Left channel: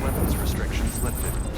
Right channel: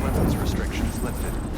Weapons restrictions lifted.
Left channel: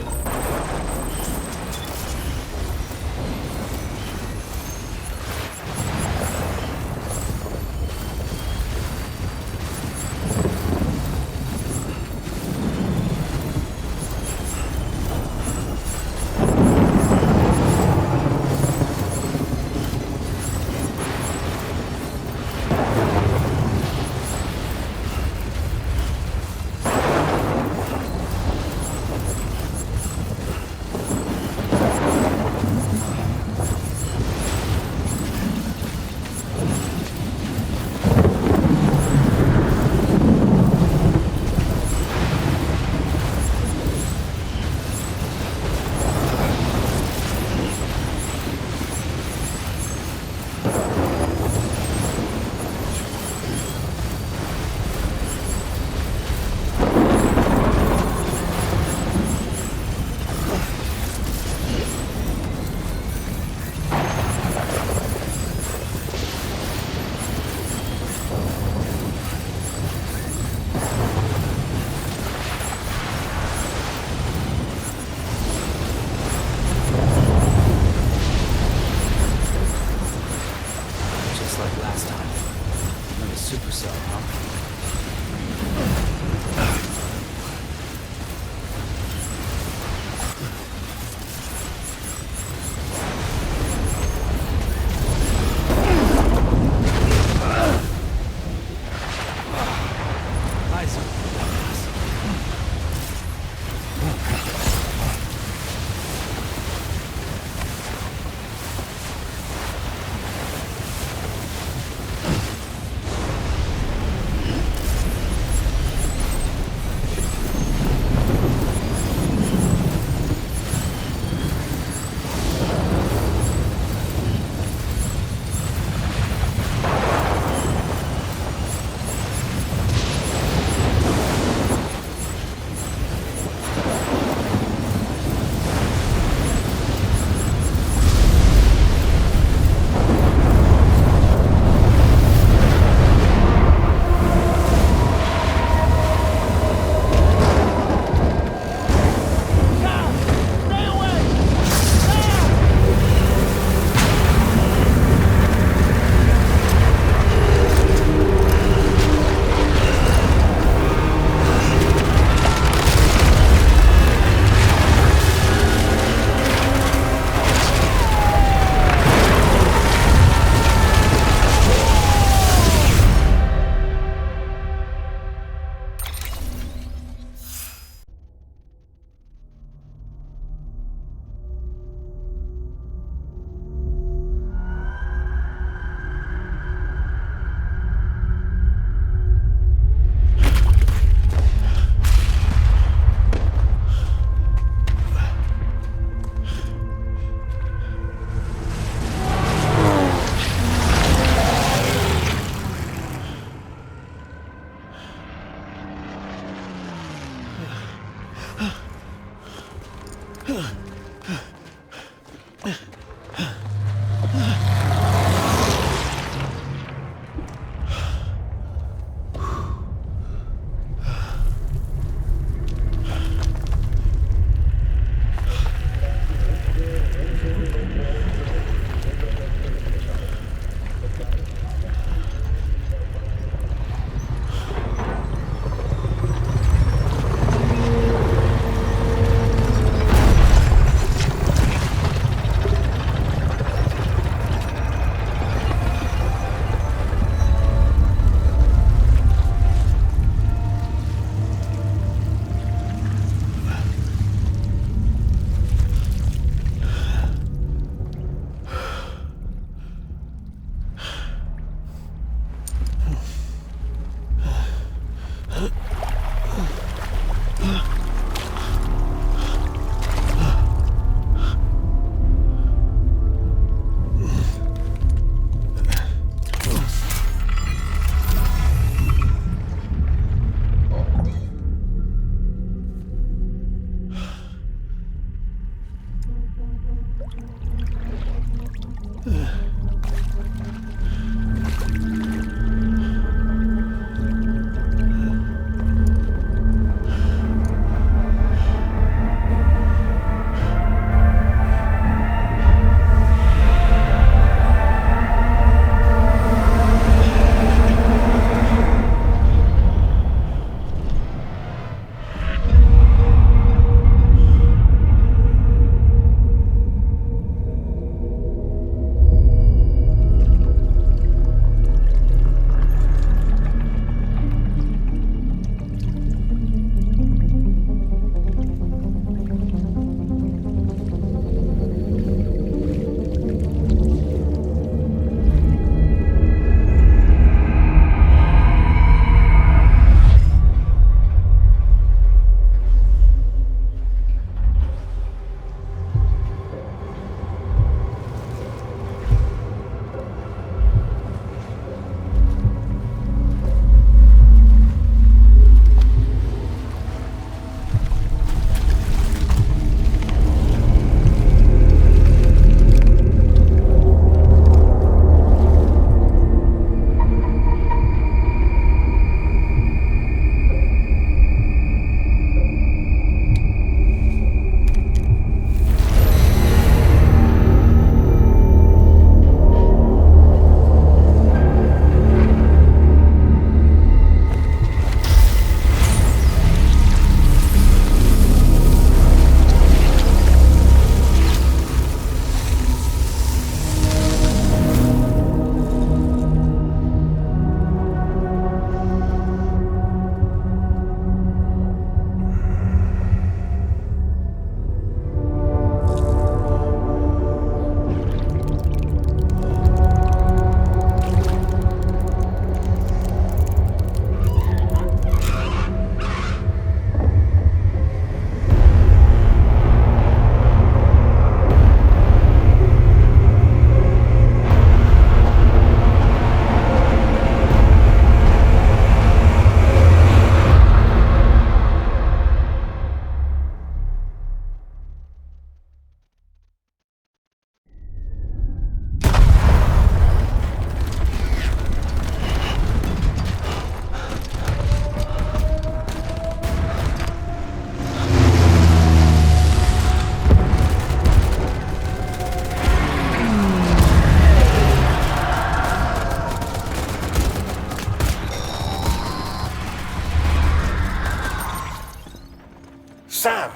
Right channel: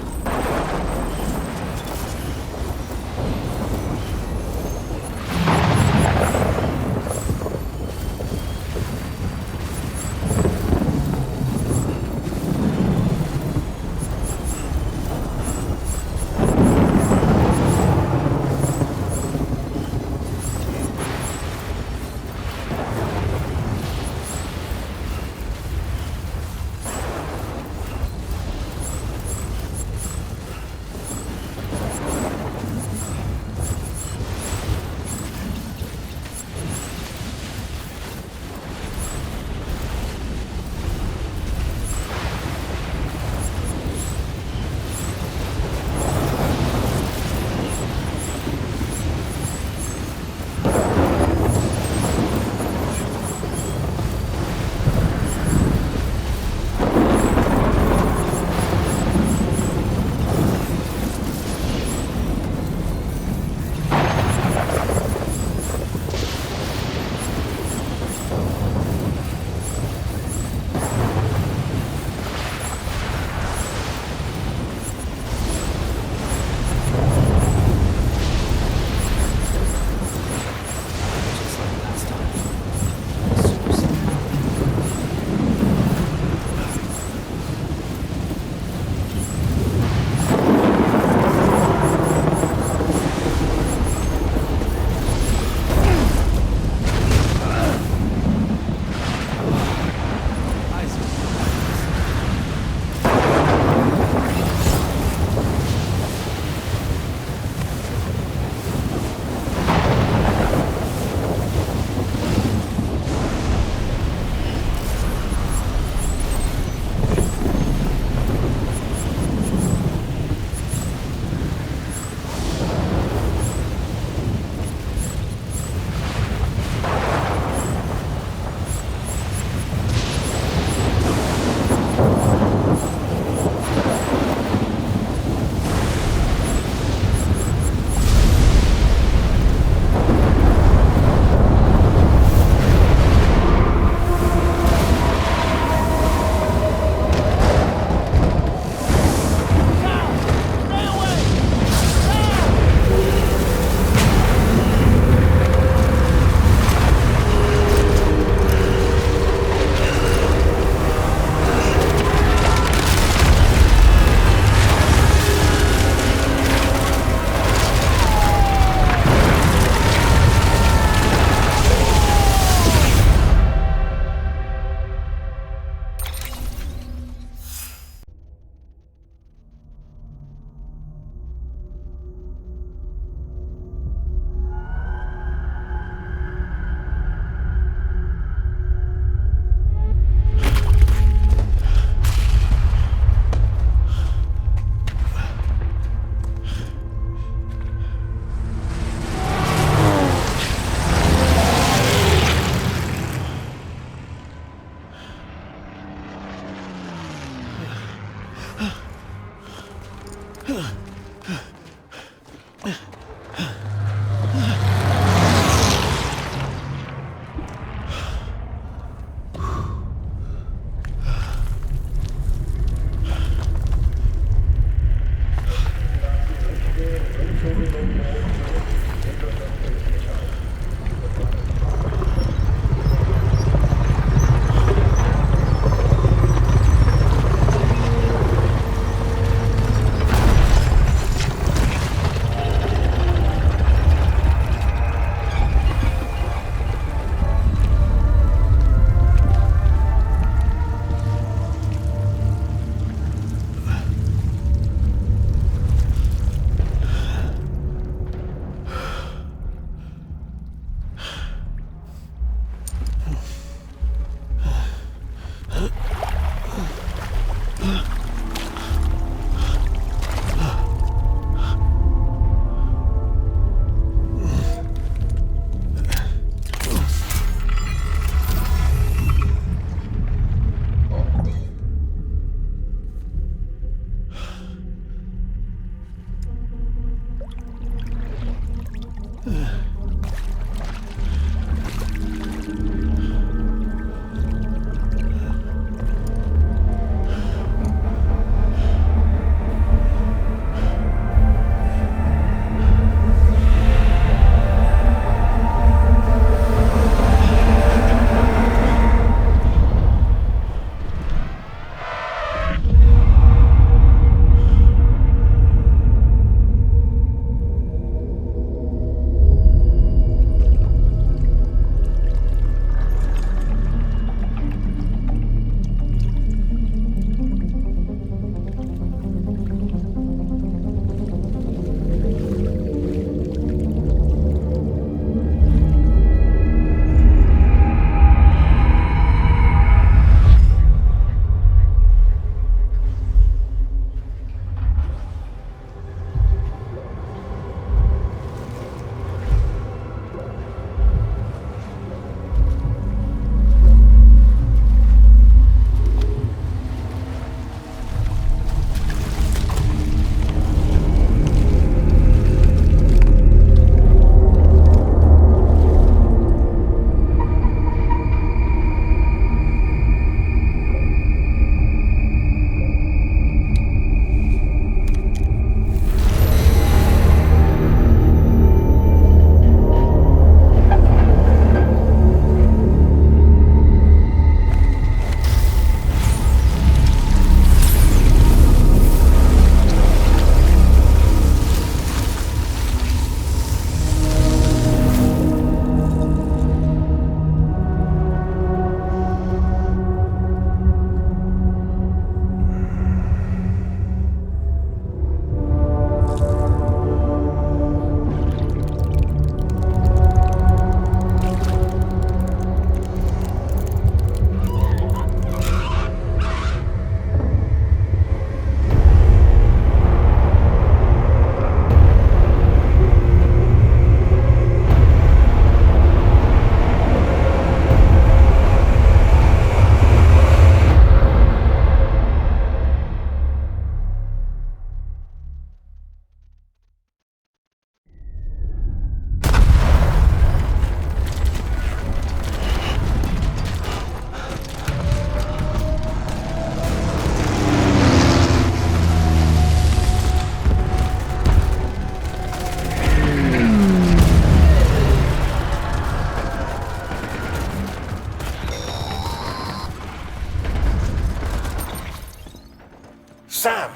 Sam!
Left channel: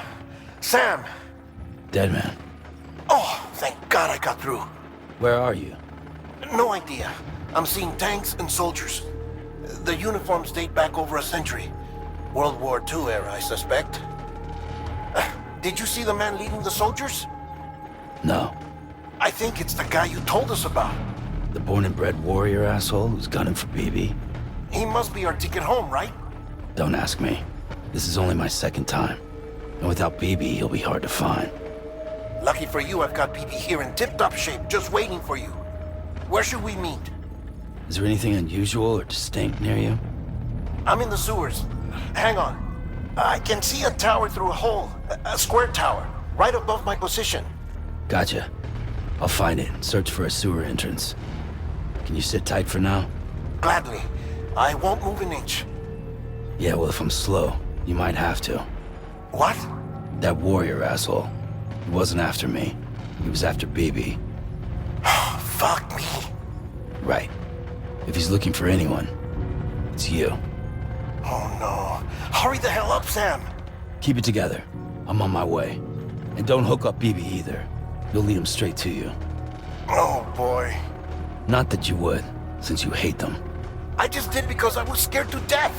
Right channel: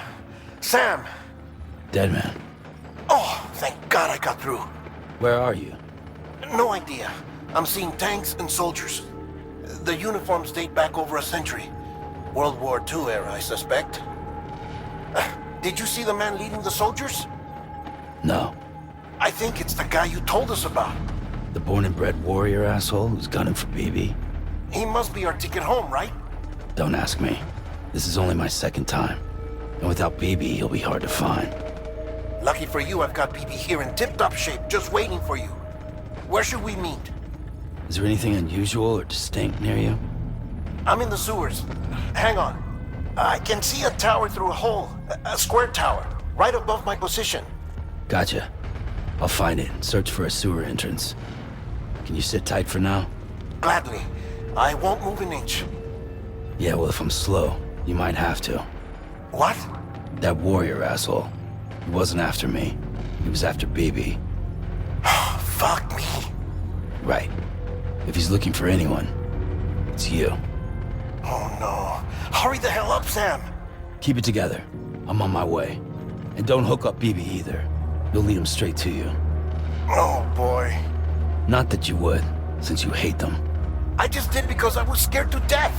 Sam! Dead man. Oh, thank God I got through. Where are you? No idea. I'm seeing tanks and soldiers. The uniforms date back over a century. World War II era, I suspect. Did you see the man leading the soldiers? No. I think it's the guy you told us about. The born and bred warrior asshole who's gunning for BB? He must be our ticket home, right? Don't ask me. This is only my second time. And without BB, he'll be hard to find. Lucky for you, I've got BB here in tip-top shape, just waiting for you. Where should we meet? Is there anything unusual or distinct near you? I'm in the sewers. Hang on. I can see a tower through a hole. A square tower, right above my position. Gotcha. I'll find it and search for a sewer entrance. Can you sit tight for now? Gladly. I won't move an inch. Yeah, well, if I'm slow, you might have to. What? That warrior asshole. He wasn't after me. He was after BB. Fuck me. Right. If he's looking for anyone, it's you. Oh no. Hurry the hell up, Sam. Keep it together. I'm on my way. And don't hook up BB either. You'll lead him straight to you. Oh boy. Not that you would, since you hate them. I just did because I was scared to death.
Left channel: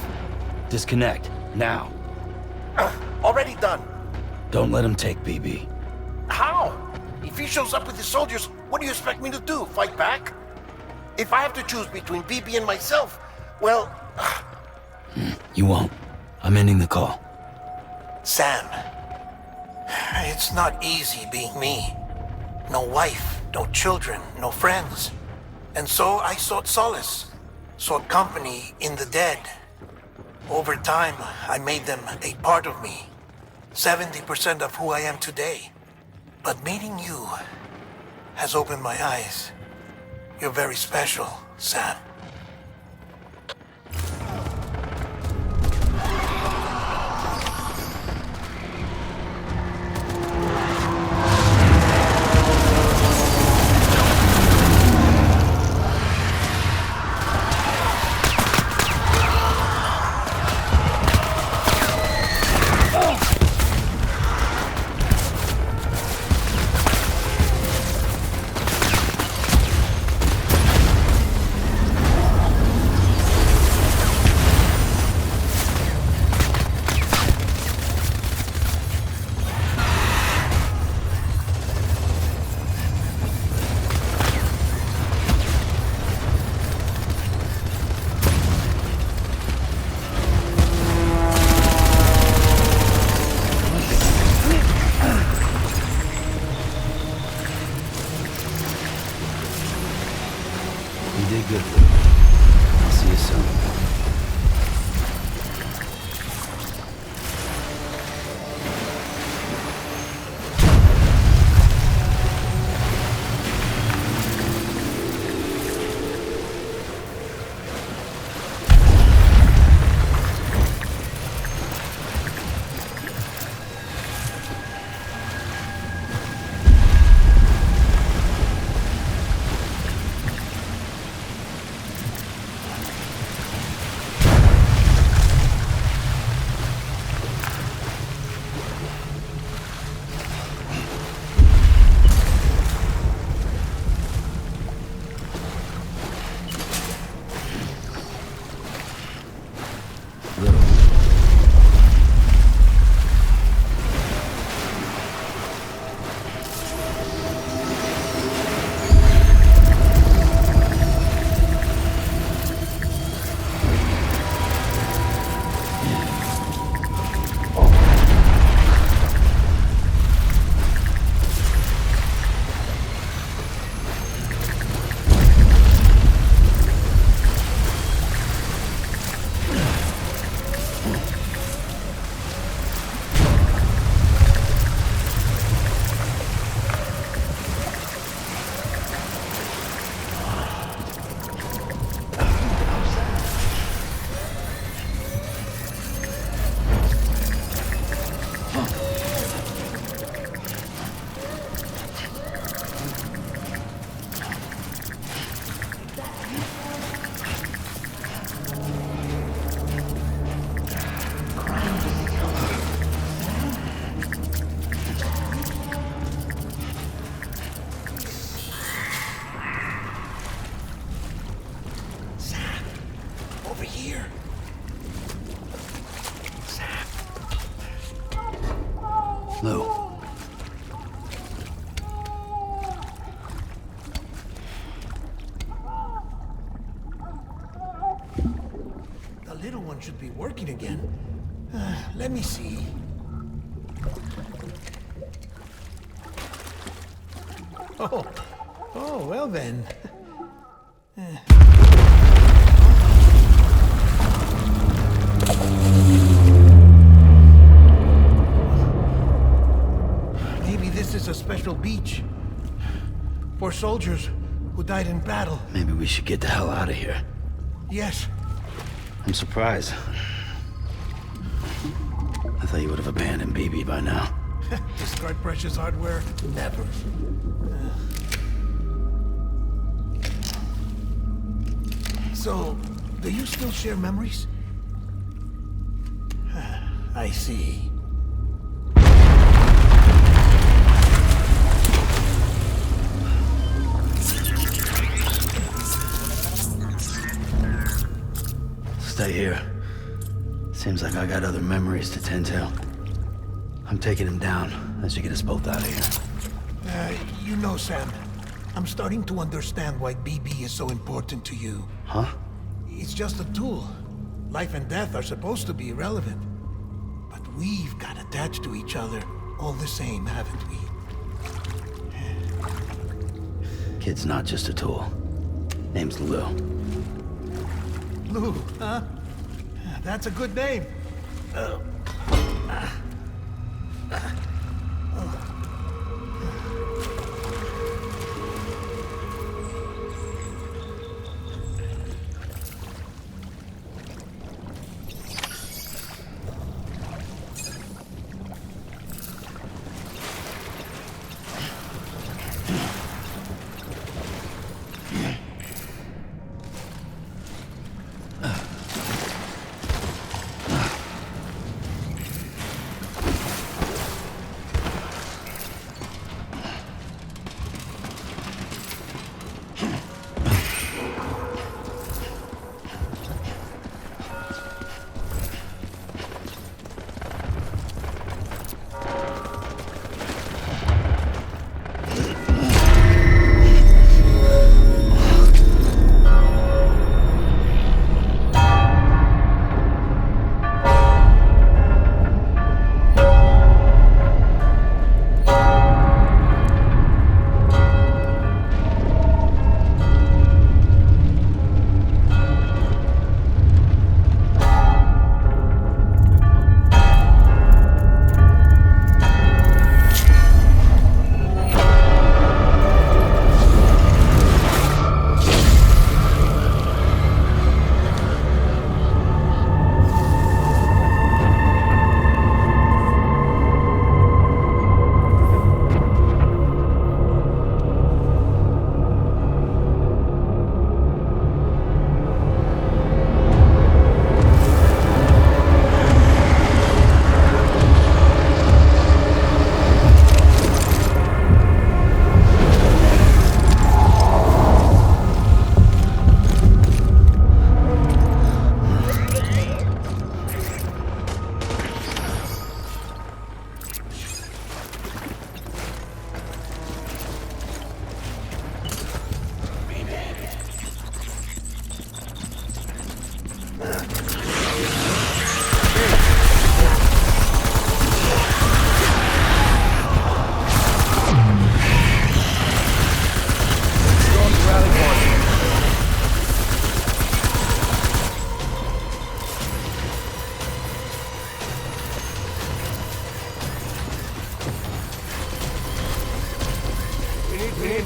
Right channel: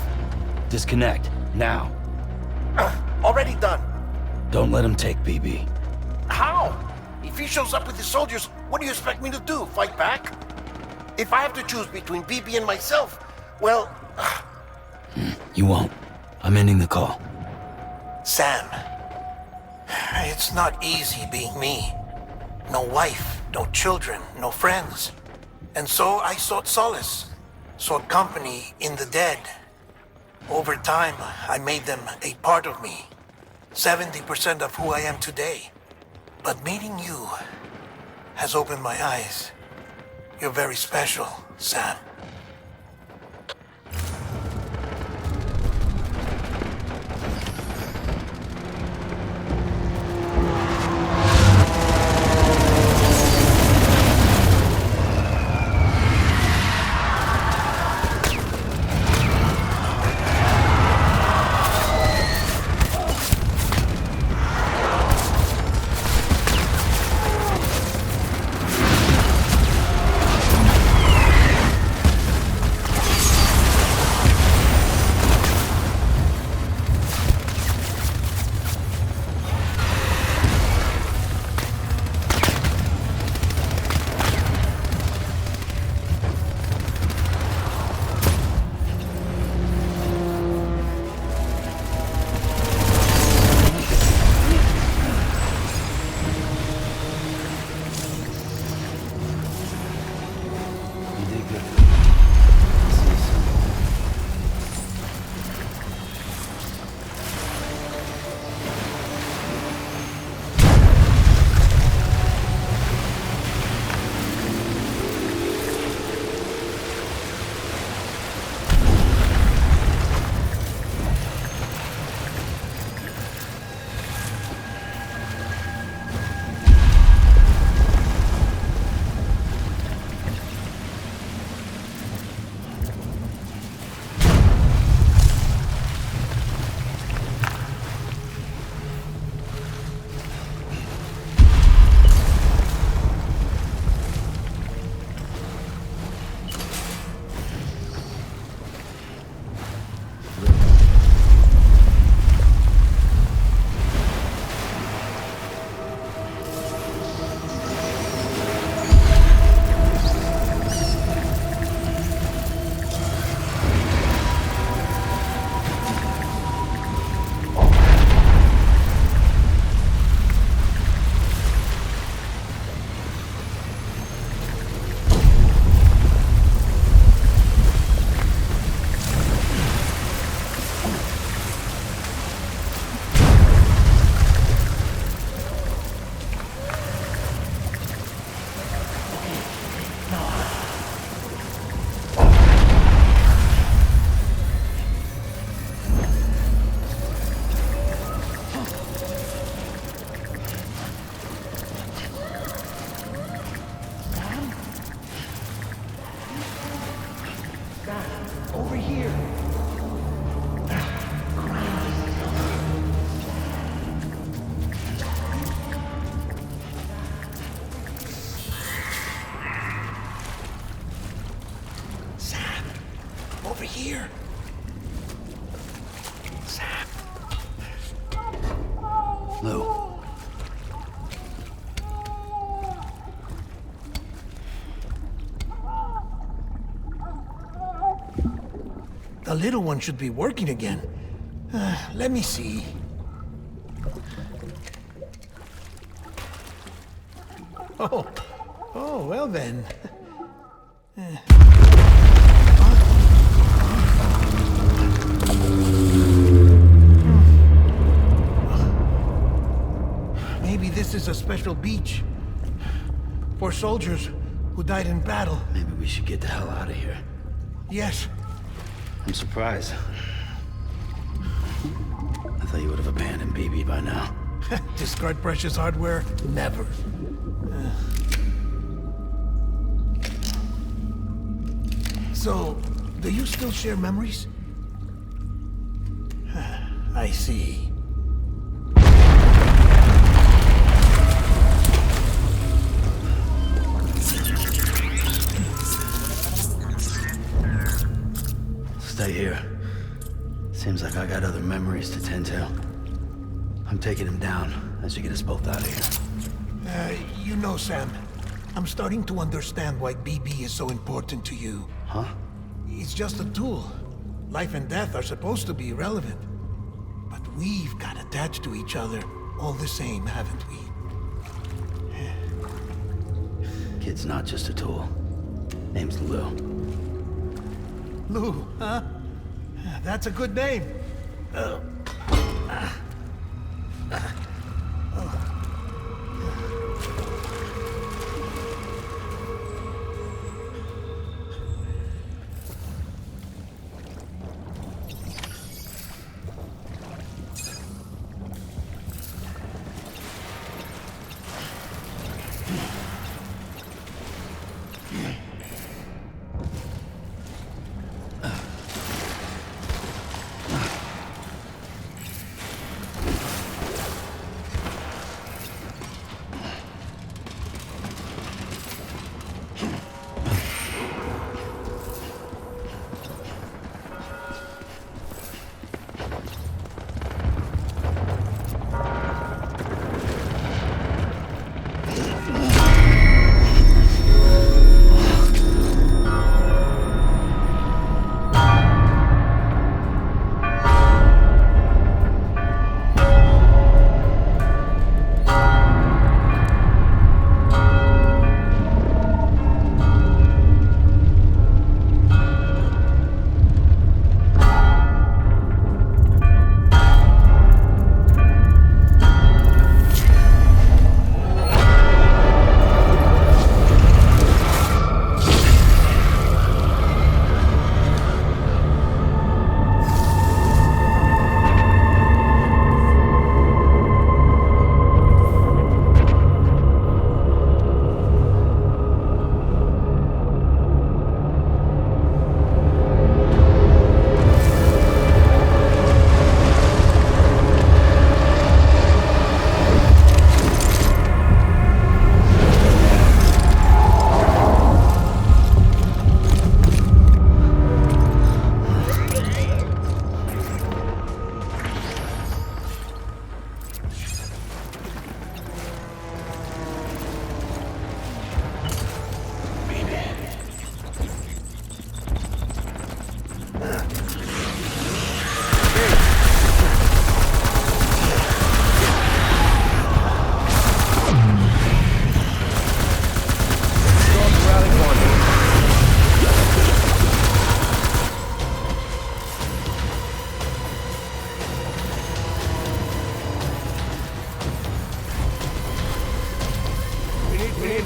Disconnect, now. Already done. Don't let him take BB. How? If he shows up with his soldiers, what do you expect me to do? Fight back? If I have to choose between BB and myself, well... You won't. I'm ending the call. Sam, it's not easy being me. No wife, no children, no friends. And so I sought solace, sought company in the dead. Over time, I made them a part of me. 70% of who I am today. But meeting you has opened my eyes. You're very special, Sam. Over here. Sam. Lou. The little one should be working again. Let me see. Oh, well then. Maybe this is a special beach for soldiers who died in battle. Maybe we should get the hell out of here. Yes. I'm surprised. I thought you would have abandoned BB by now. Discard precious hardware? Never. So, do you still share memories? I see. Stay here. Seems like I got other memories to tend to. I'm taking him down. That should get us both out of here. You know, Sam, I'm starting to understand why BB is so important to you. Huh? It's just a tool. Life and death are supposed to be irrelevant. But we've got attached to each other all the same, haven't we? Kid's not just a tool. Name's Lou. Lou, huh? That's a good name.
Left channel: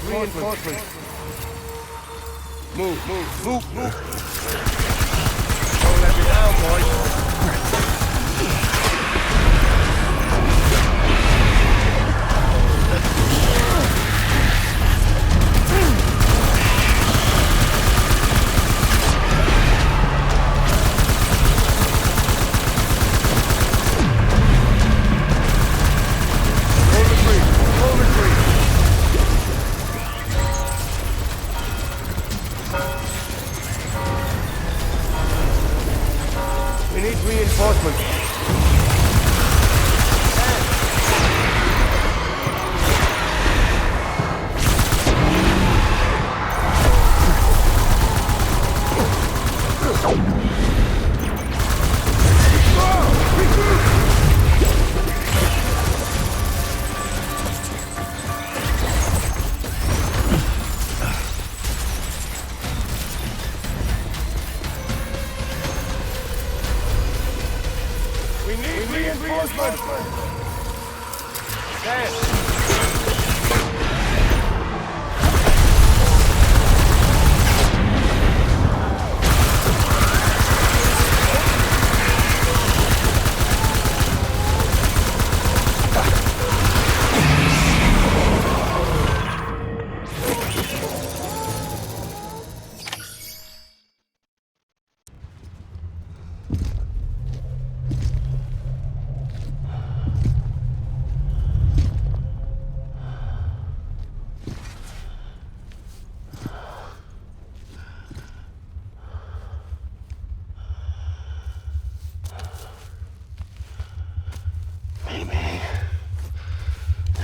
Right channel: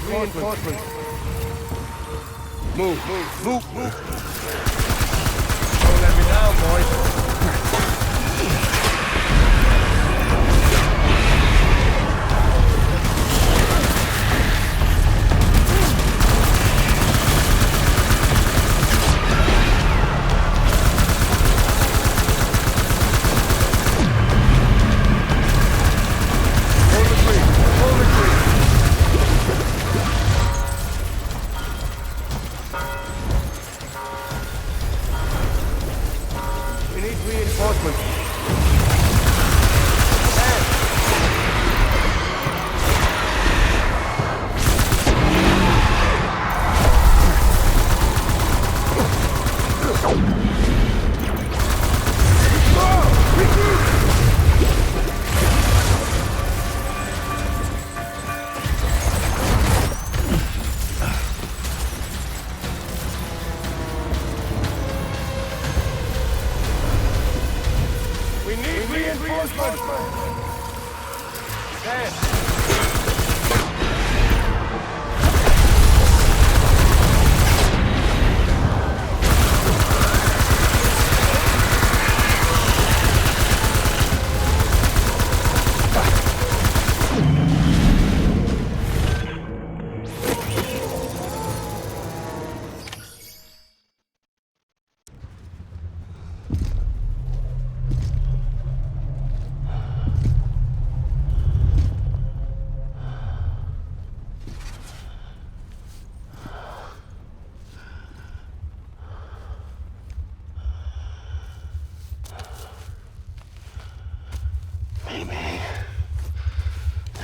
Reinforcements. Move. Don't let me down, boys. need reinforcements. We need reinforcements! Sam!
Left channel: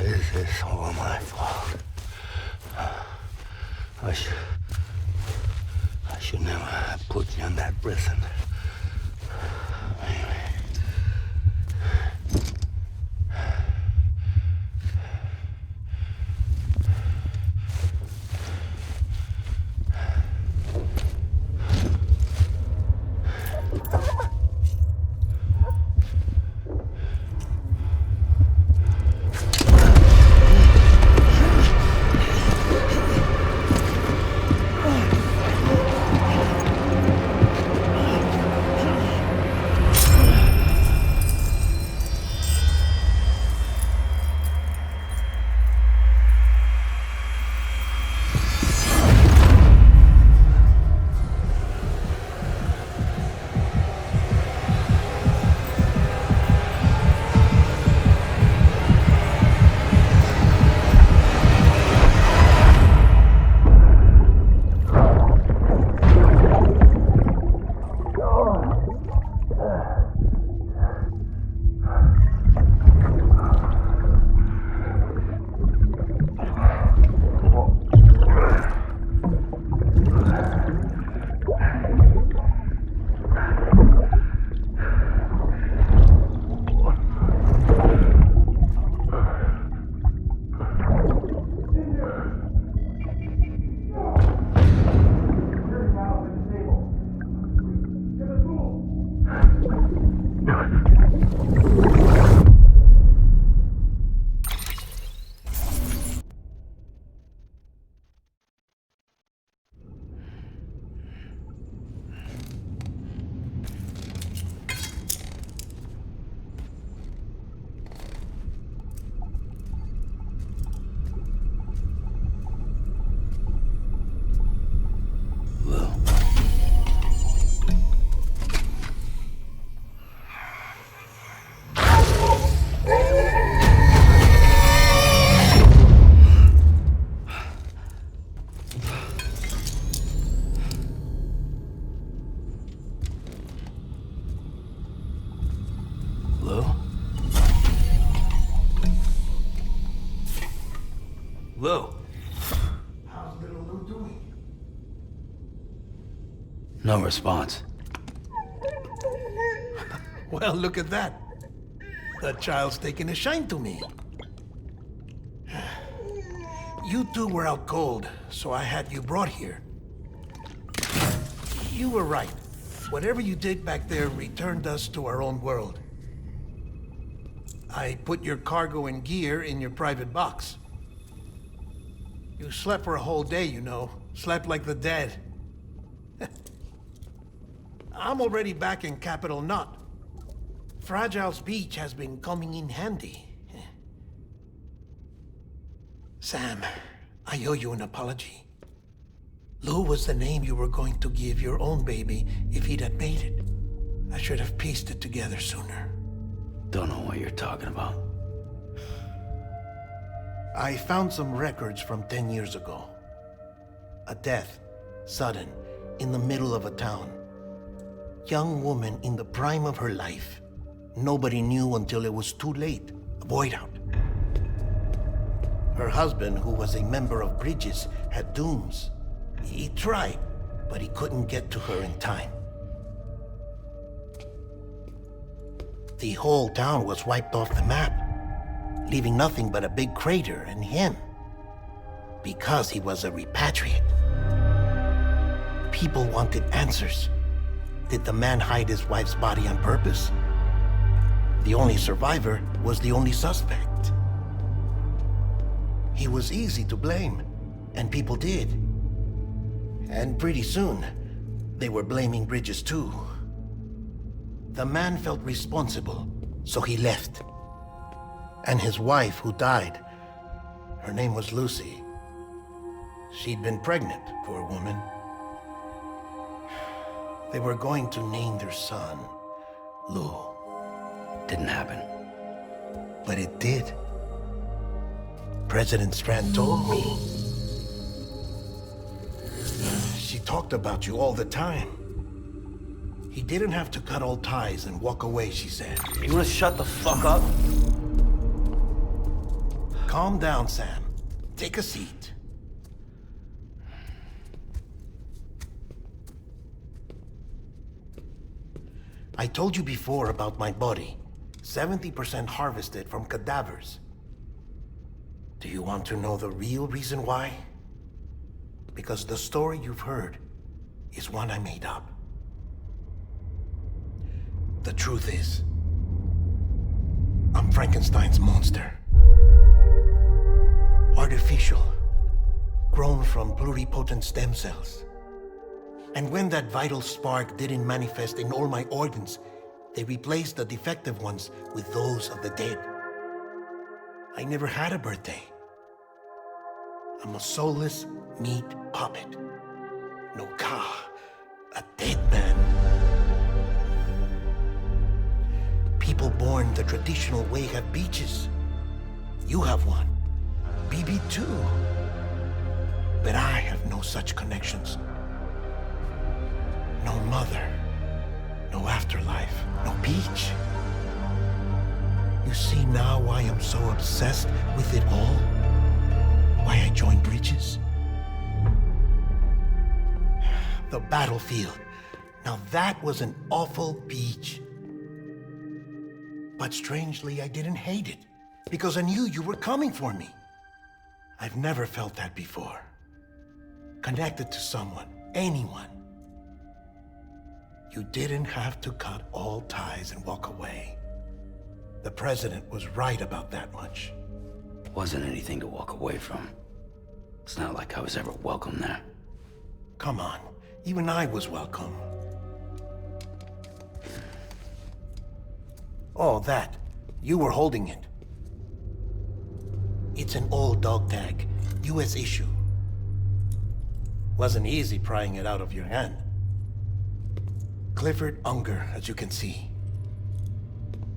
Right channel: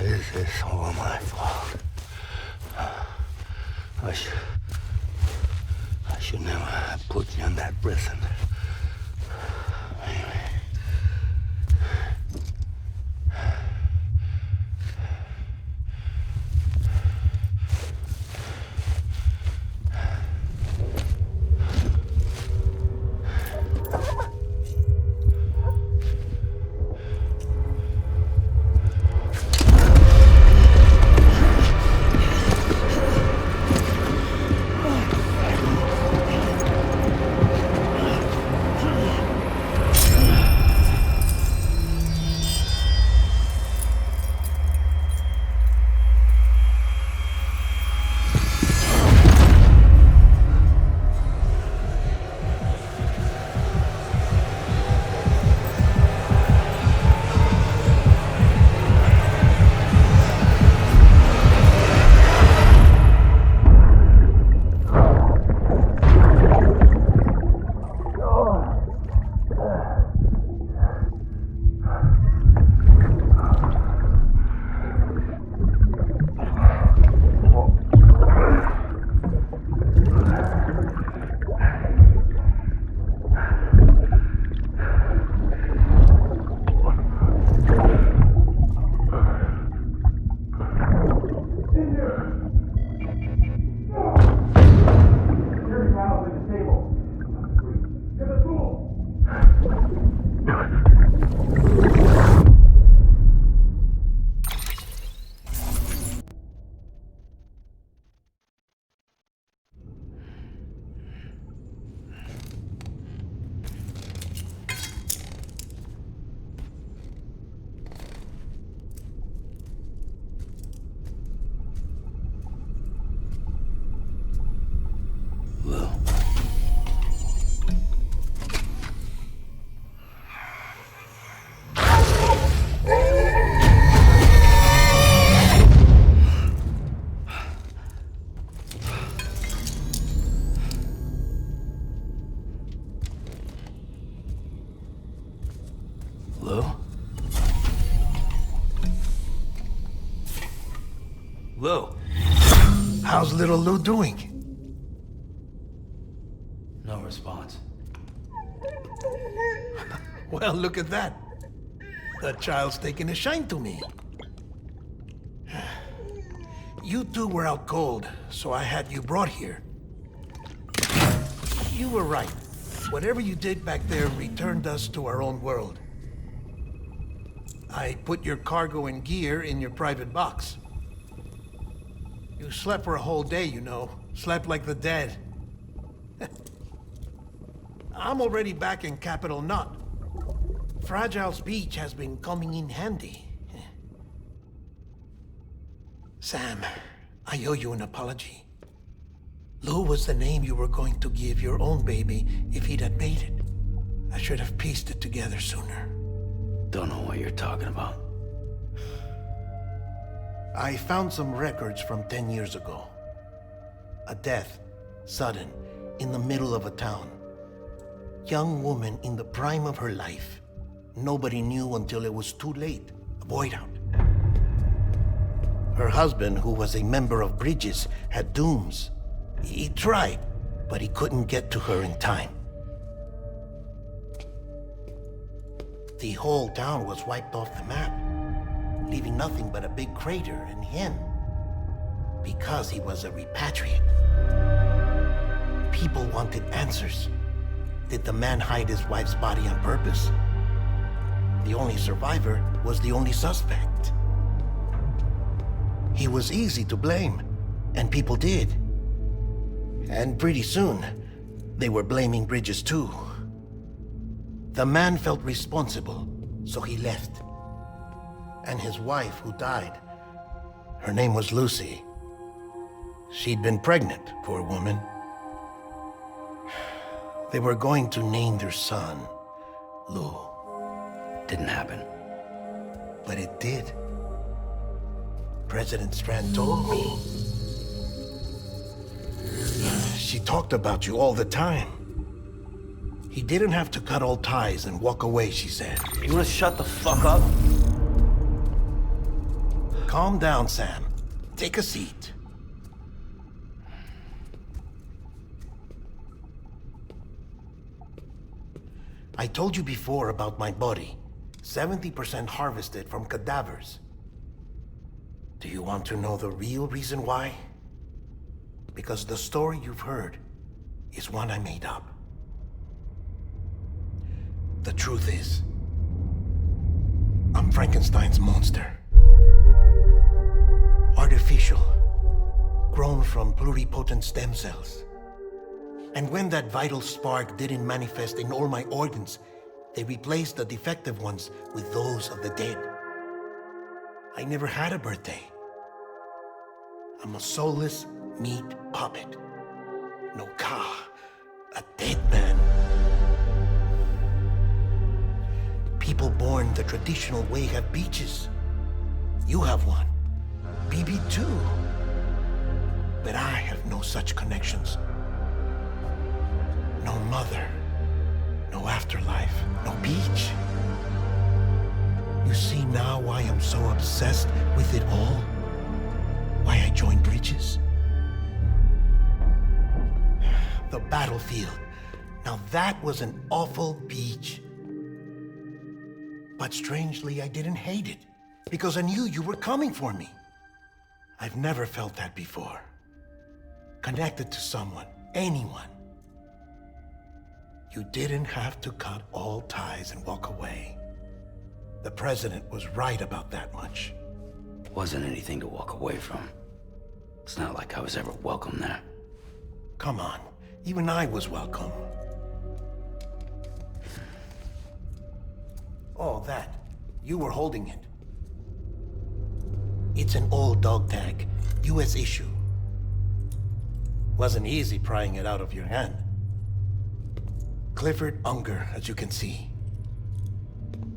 Maybe this is all my fault. I should never have put you in that prison. Maybe. Lou? Lou? How's little Lou doing? No response. Well, look at that. The child's taking a shine to me. You two were out cold, so I had you brought here. You were right. Whatever you did back there returned us to our own world. I put your cargo and gear in your private box. You slept for a whole day, you know. Slept like the dead. I'm already back in Capital Knot. Fragile's beach has been coming in handy. Sam, I owe you an apology. Lou was the name you were going to give your own baby if he'd had made it. I should have pieced it together sooner. Don't know what you're talking about. I found some records from 10 years ago. A death, sudden, in the middle of a town. Young woman in the prime of her life. Nobody knew until it was too late. A void out. Her husband, who was a member of Bridges, had dooms. He tried, but he couldn't get to her in time. The whole town was wiped off the map, leaving nothing but a big crater and him. Because he was a repatriate. People wanted answers. Did the man hide his wife's body on purpose? The only survivor was the only suspect. He was easy to blame, and people did. And pretty soon, they were blaming Bridges too. The man felt responsible, so he left. And his wife, who died, her name was Lucy. She'd been pregnant, poor woman. They were going to name their son Lou. Didn't happen. But it did. President Strand told me. She talked about you all the time. He didn't have to cut all ties and walk away, she said. You wanna shut the fuck up? Calm down, Sam. Take a seat. I told you before about my body. 70% harvested from cadavers. Do you want to know the real reason why? Because the story you've heard is one I made up. The truth is, I'm Frankenstein's monster. Artificial, grown from pluripotent stem cells. And when that vital spark didn't manifest in all my organs, they replaced the defective ones with those of the dead. I never had a birthday. I'm a soulless meat puppet. No ka, a dead man. People born the traditional way have beaches. You have one. BB too. But I have no such connections. No mother, no afterlife, no beach. You see now why I'm so obsessed with it all? Why I joined Bridges? The battlefield. Now that was an awful beach. But strangely, I didn't hate it, because I knew you were coming for me. I've never felt that before. Connected to someone, anyone. You didn't have to cut all ties and walk away. The president was right about that much. Wasn't anything to walk away from. It's not like I was ever welcome there. Come on, even I was welcome. Oh, that. You were holding it. It's an old dog tag, US issue. Wasn't easy prying it out of your hand. Clifford Unger, as you can see.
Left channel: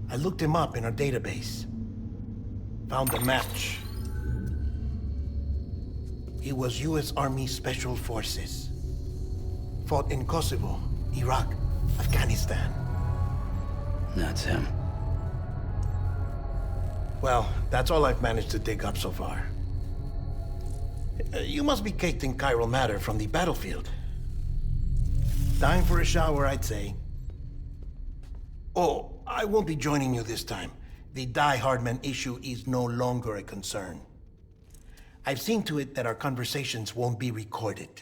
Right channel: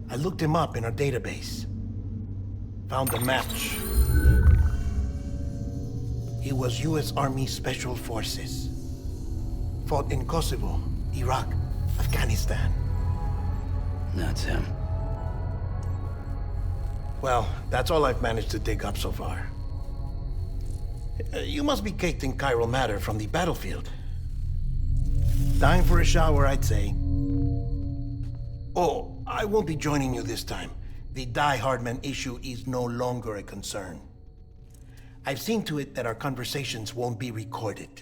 I looked him up in our database. Found a match. He was US Army Special Forces. Fought in Kosovo, Iraq, Afghanistan. That's him. Well, that's all I've managed to dig up so far. You must be caked in chiral matter from the battlefield. Time for a shower, I'd say. Oh, I won't be joining you this time. The Die Hardman issue is no longer a concern. I've seen to it that our conversations won't be recorded.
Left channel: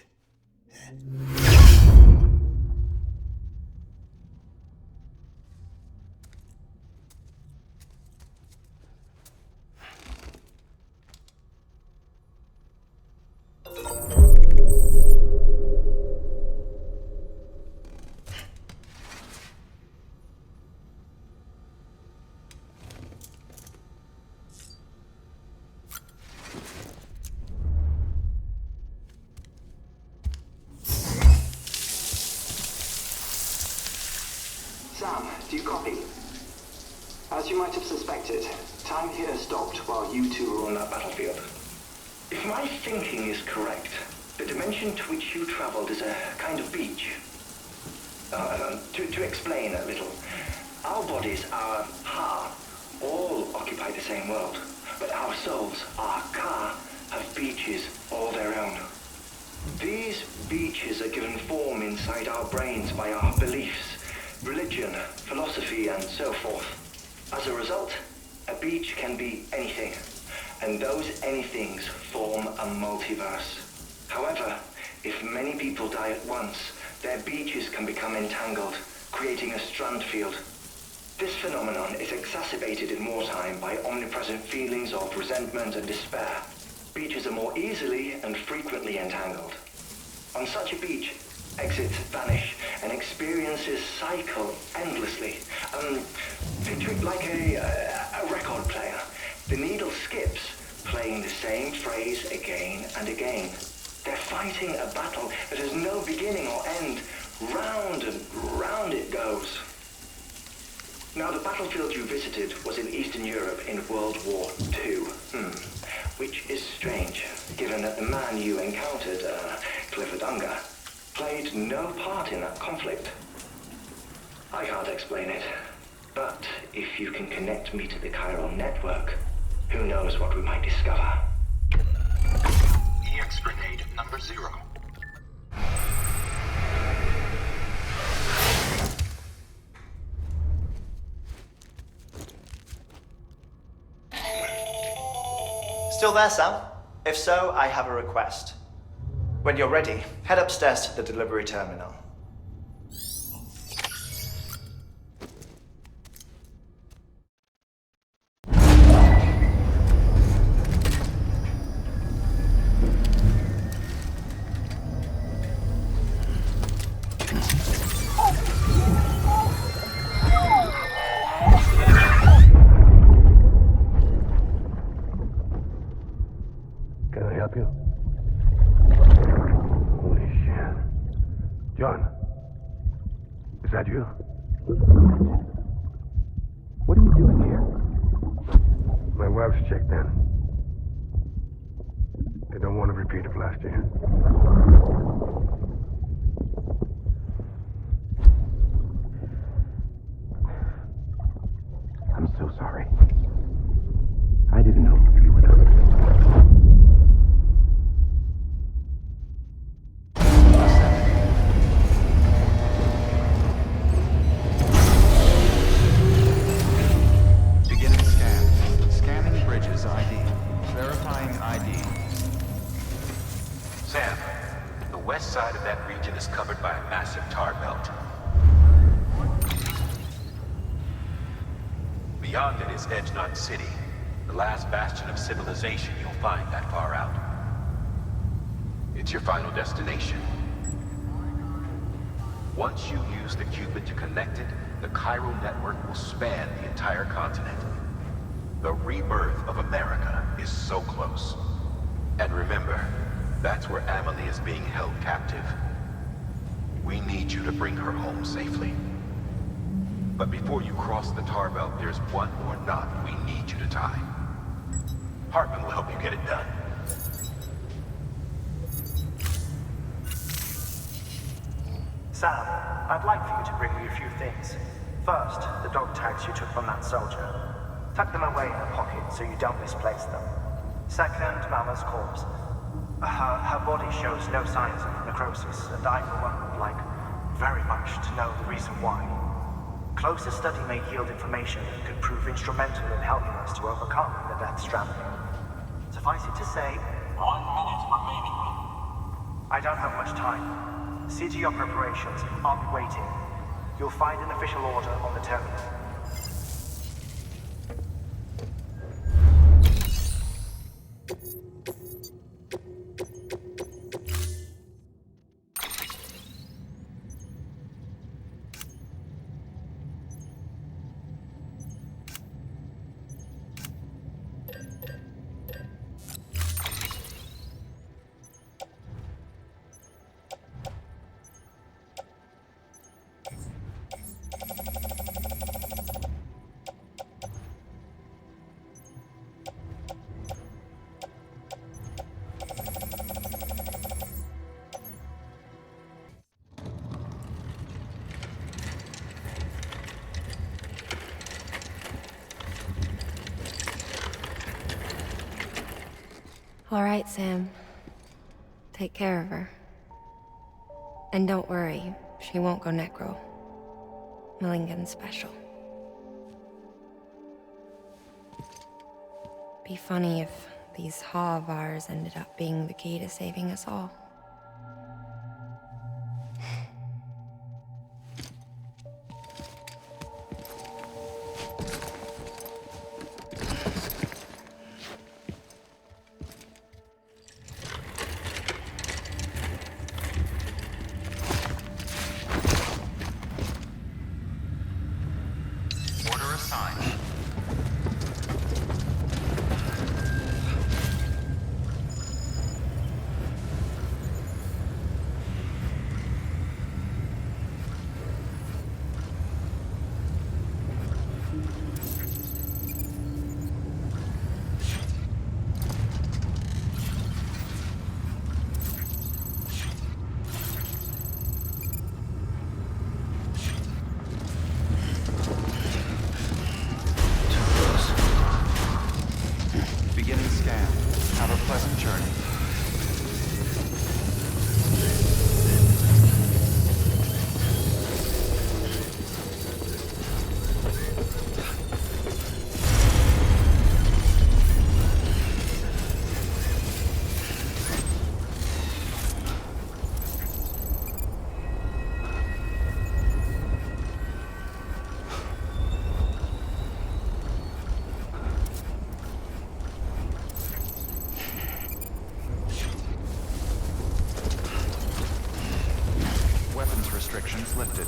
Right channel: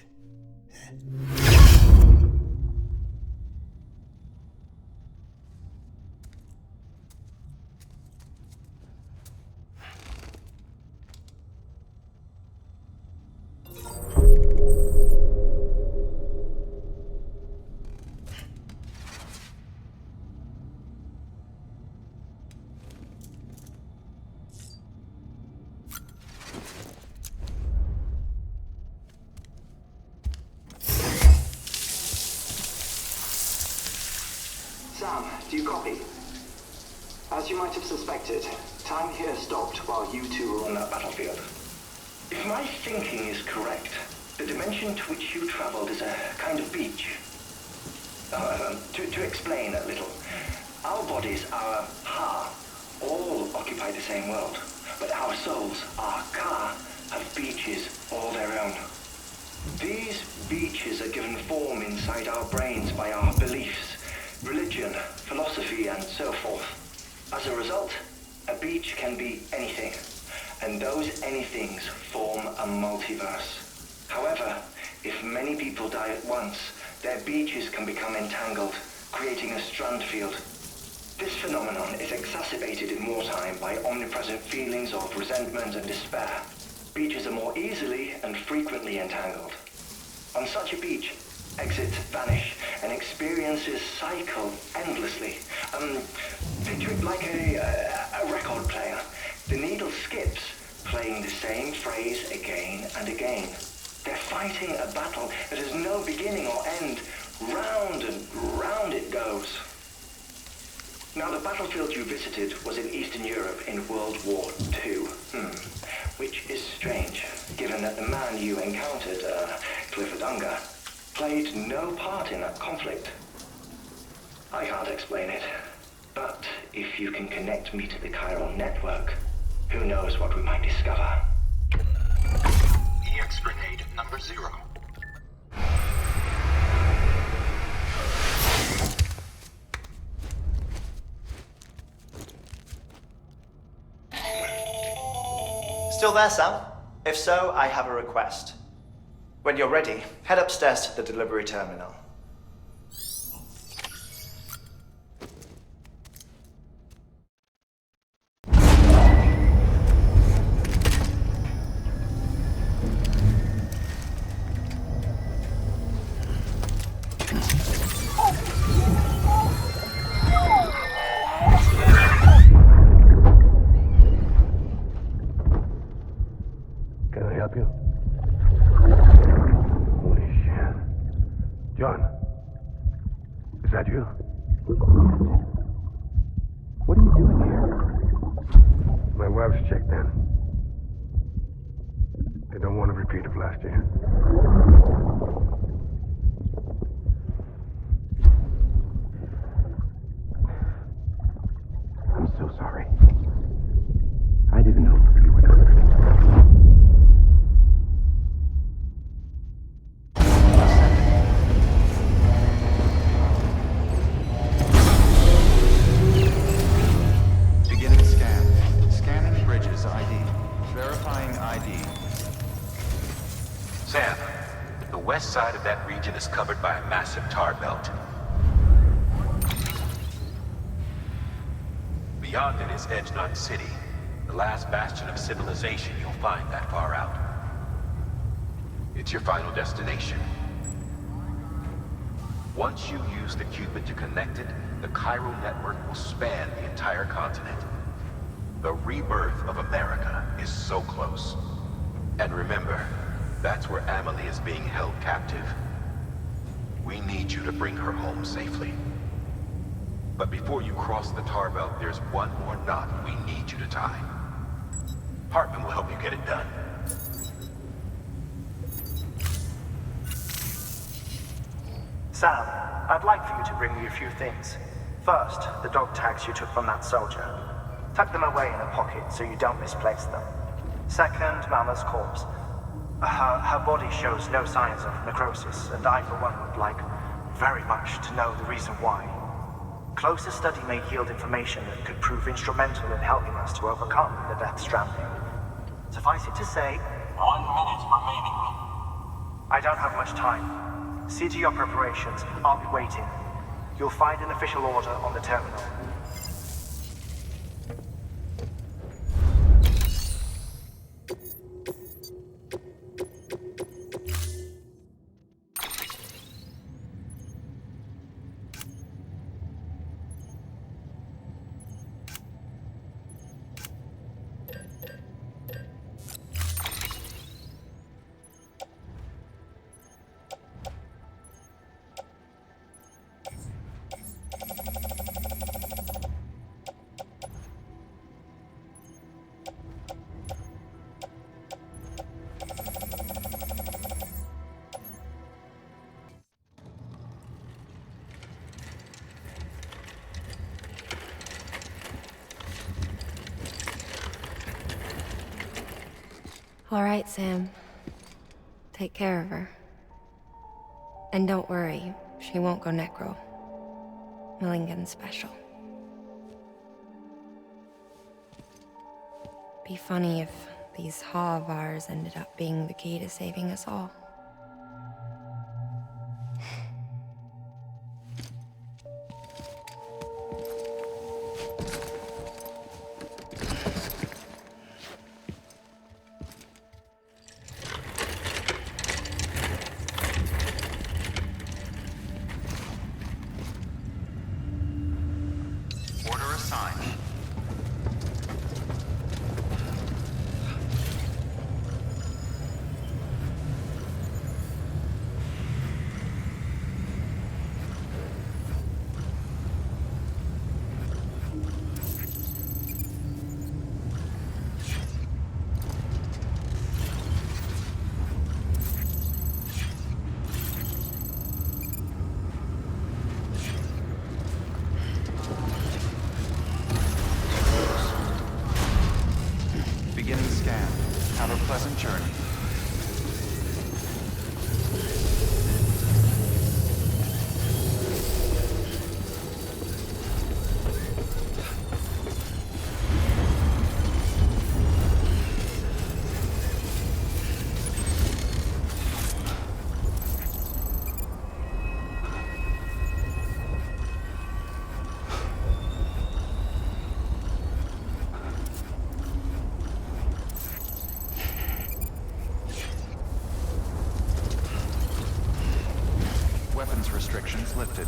Sam, do you copy? As you might have suspected, time here stopped while you two were on that battlefield. If my thinking is correct, the dimension to which you traveled is a kind of beach. To explain a little, our bodies, our ha, all occupy the same world, but our souls, our ka, have beaches all their own. These beaches are given form inside our brains by our beliefs, religion, philosophy, and so forth. As a result, a beach can be anything, and those anythings form a multiverse. However, if many people die at once, their beaches can become entangled, creating a strand field. This phenomenon is exacerbated in wartime by omnipresent feelings of resentment and despair. Beaches are more easily and frequently entangled. On such a beach, exits vanish and experiences cycle endlessly. Picture it like a record player. The needle skips, playing the same phrase again and again. They're fighting a battle that has no beginning or end. Round and round it goes. Now, the battlefield you visited was in Eastern Europe in World War II. Which is strange, given that the man you encountered, Clifford Unger, played no part in that conflict. I can't explain it, but if you can connect me to the chiral network, who knows what we might discover. EX grenade number 0. Still there, Sam? If so, I have a request. When you're ready, head upstairs to the delivery terminal. Can I help you? Holy shit. John, is that you? What are you doing here? My wife's checked in. They don't want a repeat of last year. I'm so sorry. I didn't know you were done. Beginning scan. Scanning bridges ID. Verifying ID. Sam, the west side of that region is covered by a massive tar belt. Beyond it is Edge Knot City, the last bastion of civilization you'll find that far out. It's your final destination. Once you use the Cupid to connect it, the chiral network will span the entire continent. The rebirth of America is so close. And remember, that's where Amelie is being held captive. We need you to bring her home safely. But before you cross the tar belt, there's one more knot we need you to tie. Hartman will help you get it done. Sam, I'd like for you to bring me a few things. First, the dog tags you took from that soldier. Tuck them away in a pocket so you don't misplace them. Second, Mama's corpse. Her body shows no signs of necrosis, and I, for one, would like very much to know the reason why. Closer study may yield information that could prove instrumental in helping us to overcome the Death Stranding. Suffice it to say, 1 minute remaining. I don't have much time. See to your preparations. I'll be waiting. You'll find an official order on the terminal. All right, Sam. Take care of her. And don't worry, she won't go necro. Millingen's special. Be funny if these Ha of ours ended up being the key to saving us all. Order assigned. Beginning scan. Have a pleasant journey. Weapons restrictions lifted.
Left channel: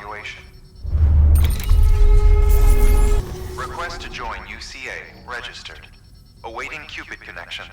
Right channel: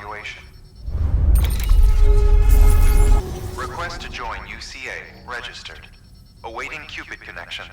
evaluation. Request to join UCA. Registered. Awaiting Cupid connection.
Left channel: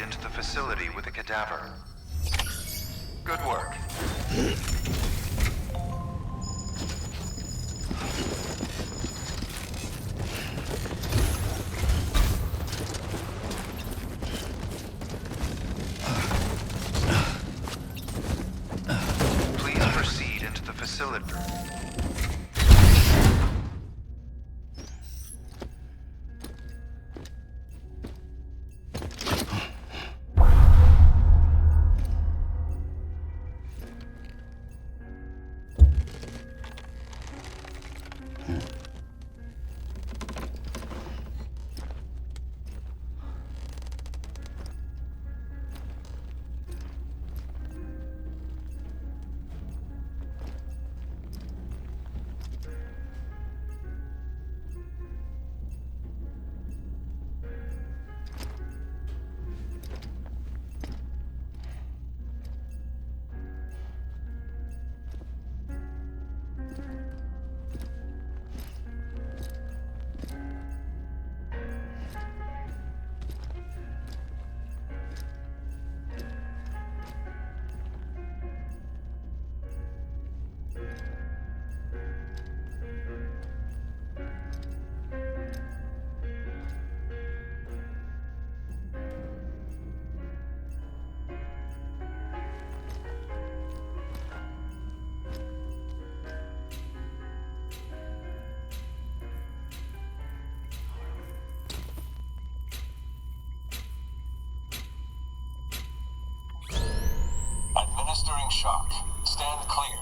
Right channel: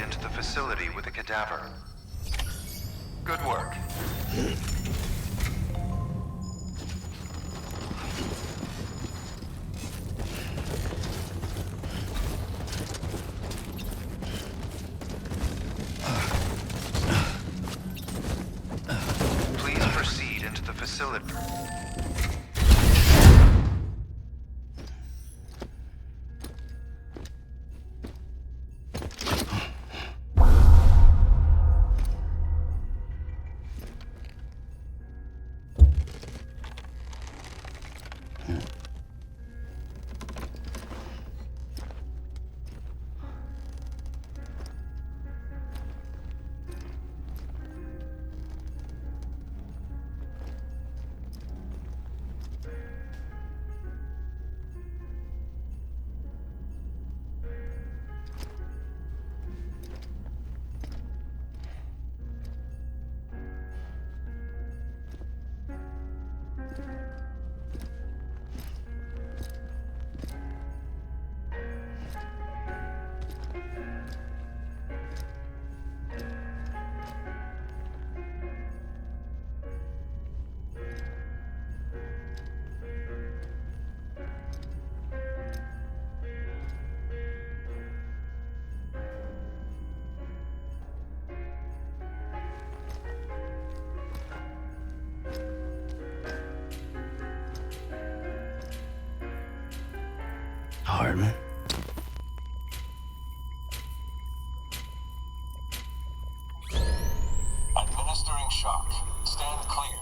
Into the facility with a cadaver. Good work. Please proceed into the facility. Hardman. Administering shock. Stand clear.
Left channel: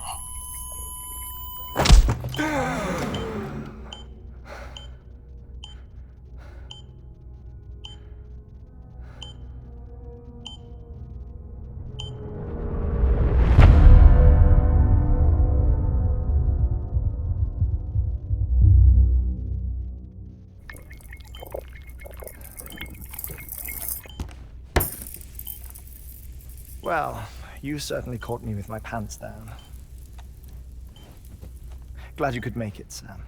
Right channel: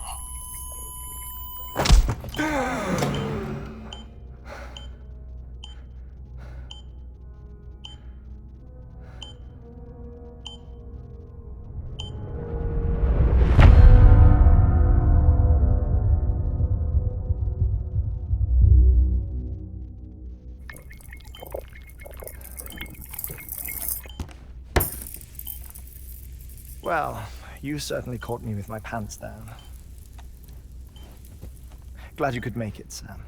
Well, you certainly caught me with my pants down. Glad you could make it, Sam.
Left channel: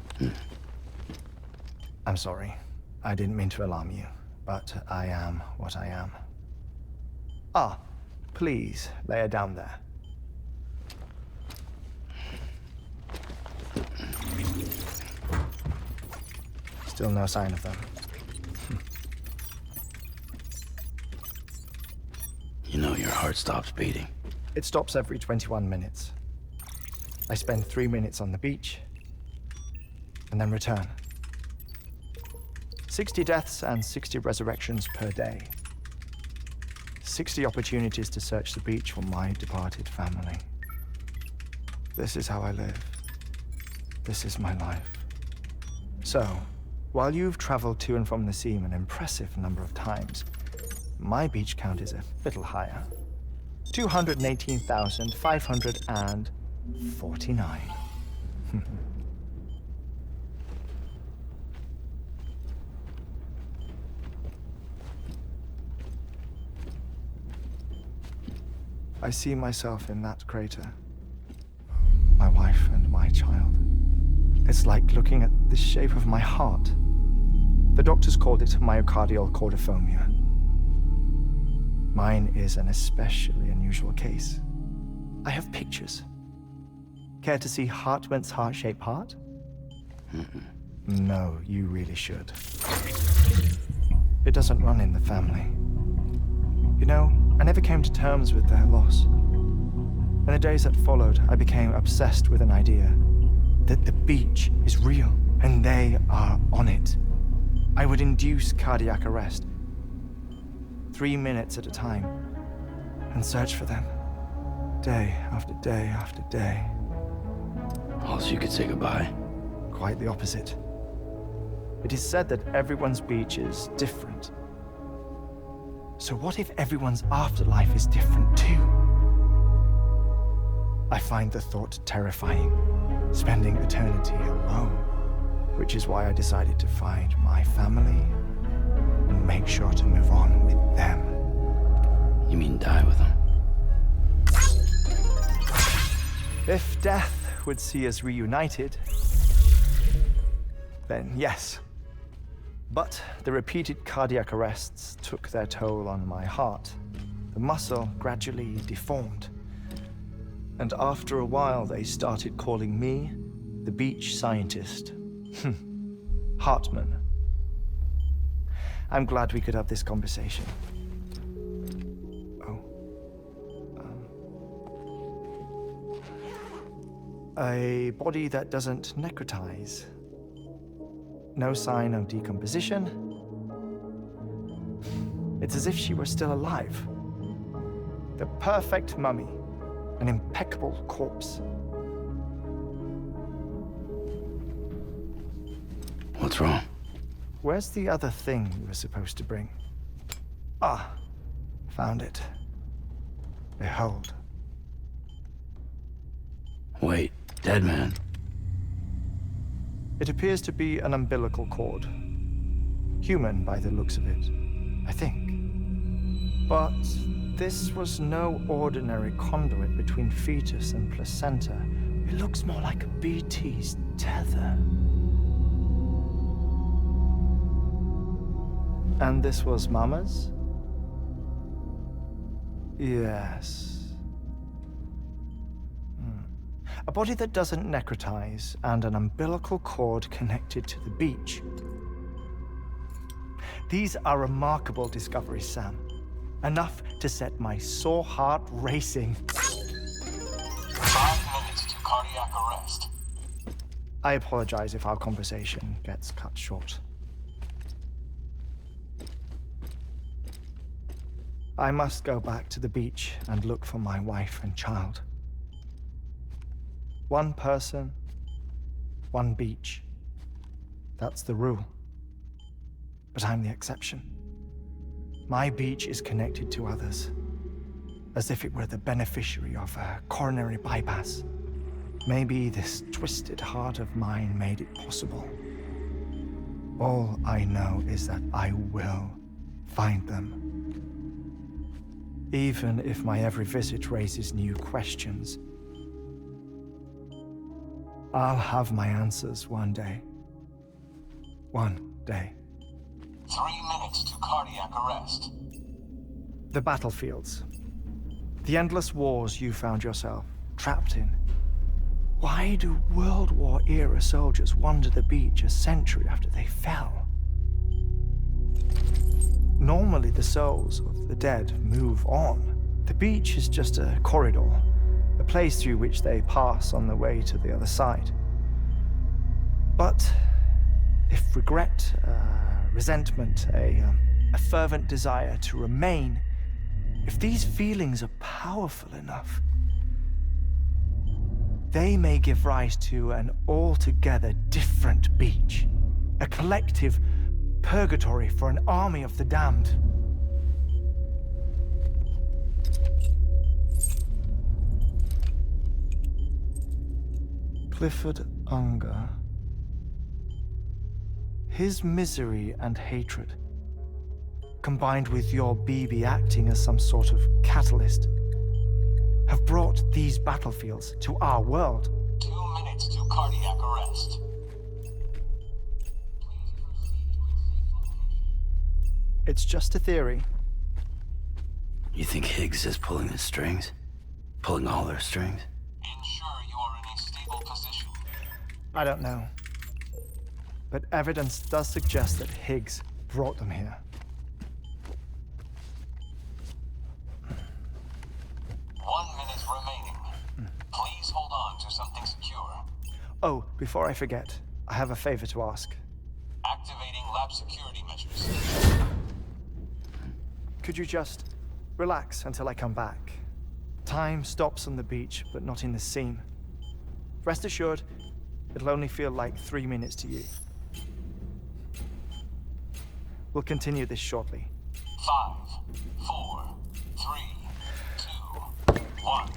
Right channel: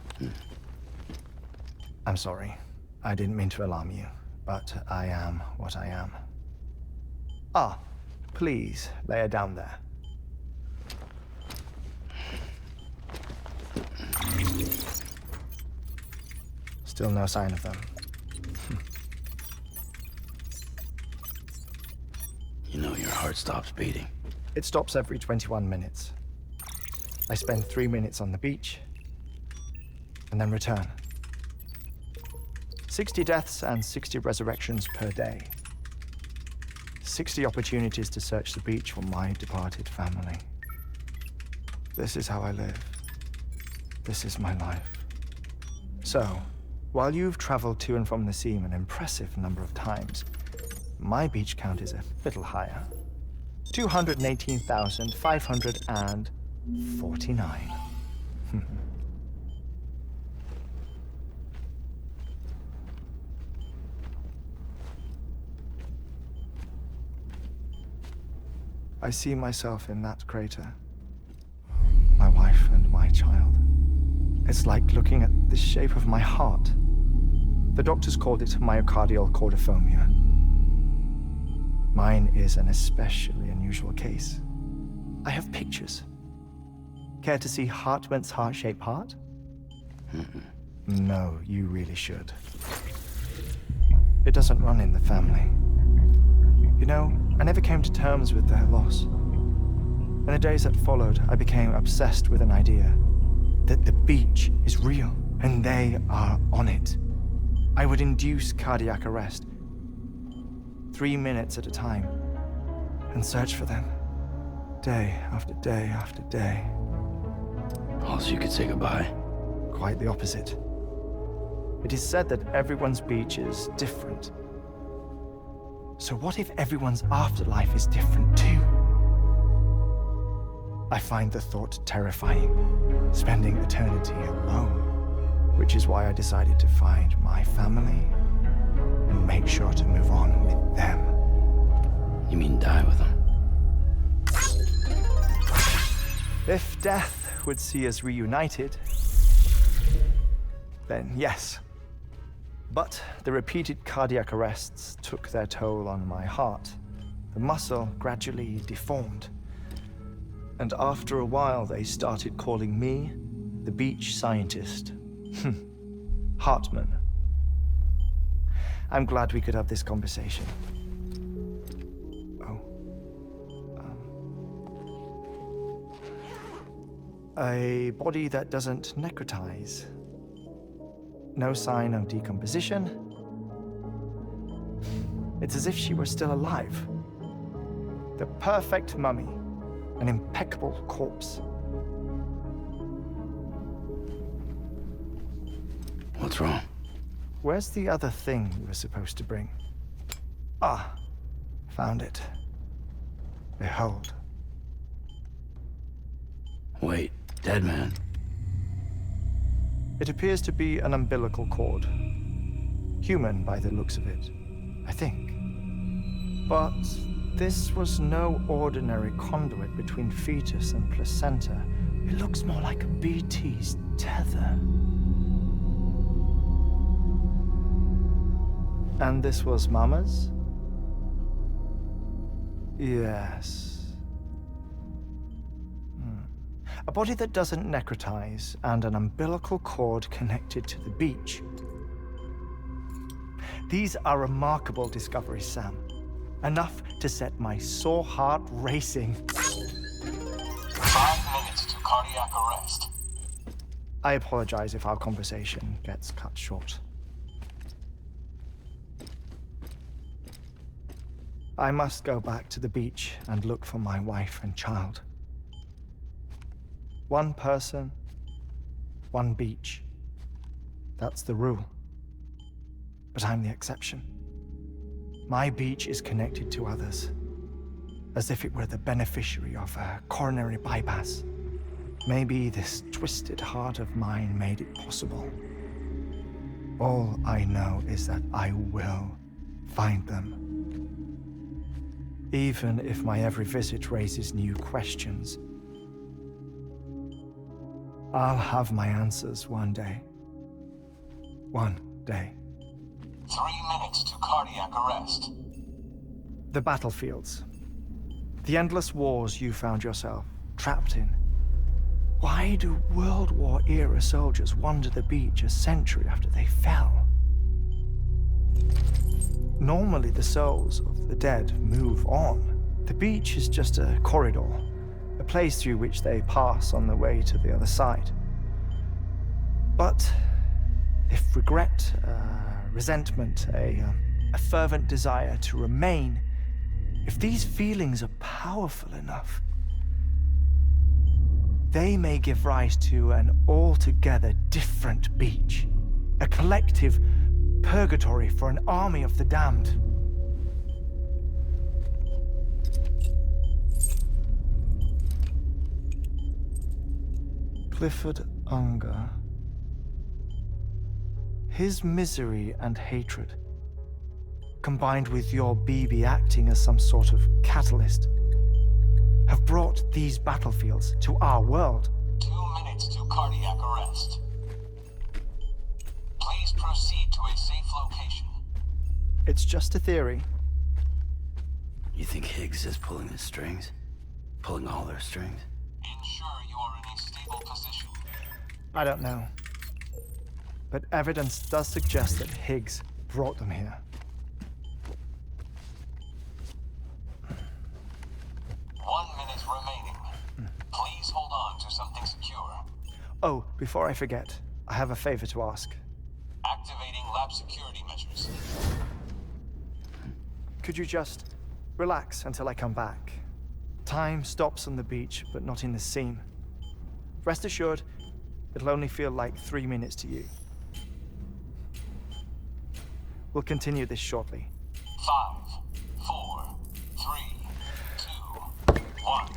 I'm sorry. I didn't mean to alarm you, but I am what I am. Ah, please, lay her down there. Still no sign of them. You know your heart stops beating. It stops every 21 minutes. I spend 3 minutes on the beach, and then return. 60 deaths and 60 resurrections per day. 60 opportunities to search the beach for my departed family. This is how I live. This is my life. So, while you've traveled to and from the sea an impressive number of times, my beach count is a little higher. 218,549. I see myself in that crater. My wife and my child. It's like looking at the shape of my heart. The doctors called it myocardial cordiformia. Mine is an especially unusual case. I have pictures. Care to see Hartman's heart-shaped heart? No, you really should. It doesn't run in the family. You know, I never came to terms with their loss. In the days that followed, I became obsessed with an idea that the beach is real, and they are on it. I would induce cardiac arrest, 3 minutes at a time, and search for them, day after day after day. Also, you could say goodbye. quite the opposite. It is said that everyone's beach is different. So what if everyone's afterlife is different too? I find the thought terrifying, spending eternity alone, which is why I decided to find my family and make sure to move on with them. You mean die with them? If death would see us reunited, then yes. But the repeated cardiac arrests took their toll on my heart. The muscle gradually deformed. And after a while, they started calling me the beach scientist. Hartman. I'm glad we could have this conversation. A body that doesn't necrotize. No sign of decomposition. It's as if she were still alive. The perfect mummy. An impeccable corpse. What's wrong? Where's the other thing you were supposed to bring? Ah, found it. Behold. Wait, dead man? It appears to be an umbilical cord. Human by the looks of it, I think. But this was no ordinary conduit between fetus and placenta. It looks more like a BT's tether. And this was Mama's? Yes. A body that doesn't necrotize and an umbilical cord connected to the beach. These are remarkable discoveries, Sam. Enough to set my sore heart racing. 5 minutes to cardiac arrest. I apologize if our conversation gets cut short. I must go back to the beach and look for my wife and child. One person, one beach. That's the rule. But I'm the exception. My beach is connected to others, as if it were the beneficiary of a coronary bypass. Maybe this twisted heart of mine made it possible. All I know is that I will find them. Even if my every visit raises new questions, I'll have my answers one day. One day. 3 minutes to cardiac arrest. The battlefields. The endless wars you found yourself trapped in. Why do World War-era soldiers wander the beach a century after they fell? Normally, the souls of the dead move on. The beach is just a corridor, a place through which they pass on the way to the other side. But if regret, resentment, a fervent desire to remain, if these feelings are powerful enough, they may give rise to an altogether different beach, a collective purgatory for an army of the damned. Clifford Unger. His misery and hatred, combined with your BB acting as some sort of catalyst, have brought these battlefields to our world. 2 minutes to cardiac arrest. Please proceed to a safe location. It's just a theory. You think Higgs is pulling the strings? Pulling all their strings? Ensure you are in a stable position. I don't know. But evidence does suggest that Higgs brought them here. 1 minute remaining. Please hold on to something secure. Oh, before I forget, I have a favor to ask. Activating lab security measures. Could you just relax until I come back? Time stops on the beach, but not in the scene. Rest assured, It'll only feel like 3 minutes to you. We'll continue this shortly. 5, 4, 3, 2, 1.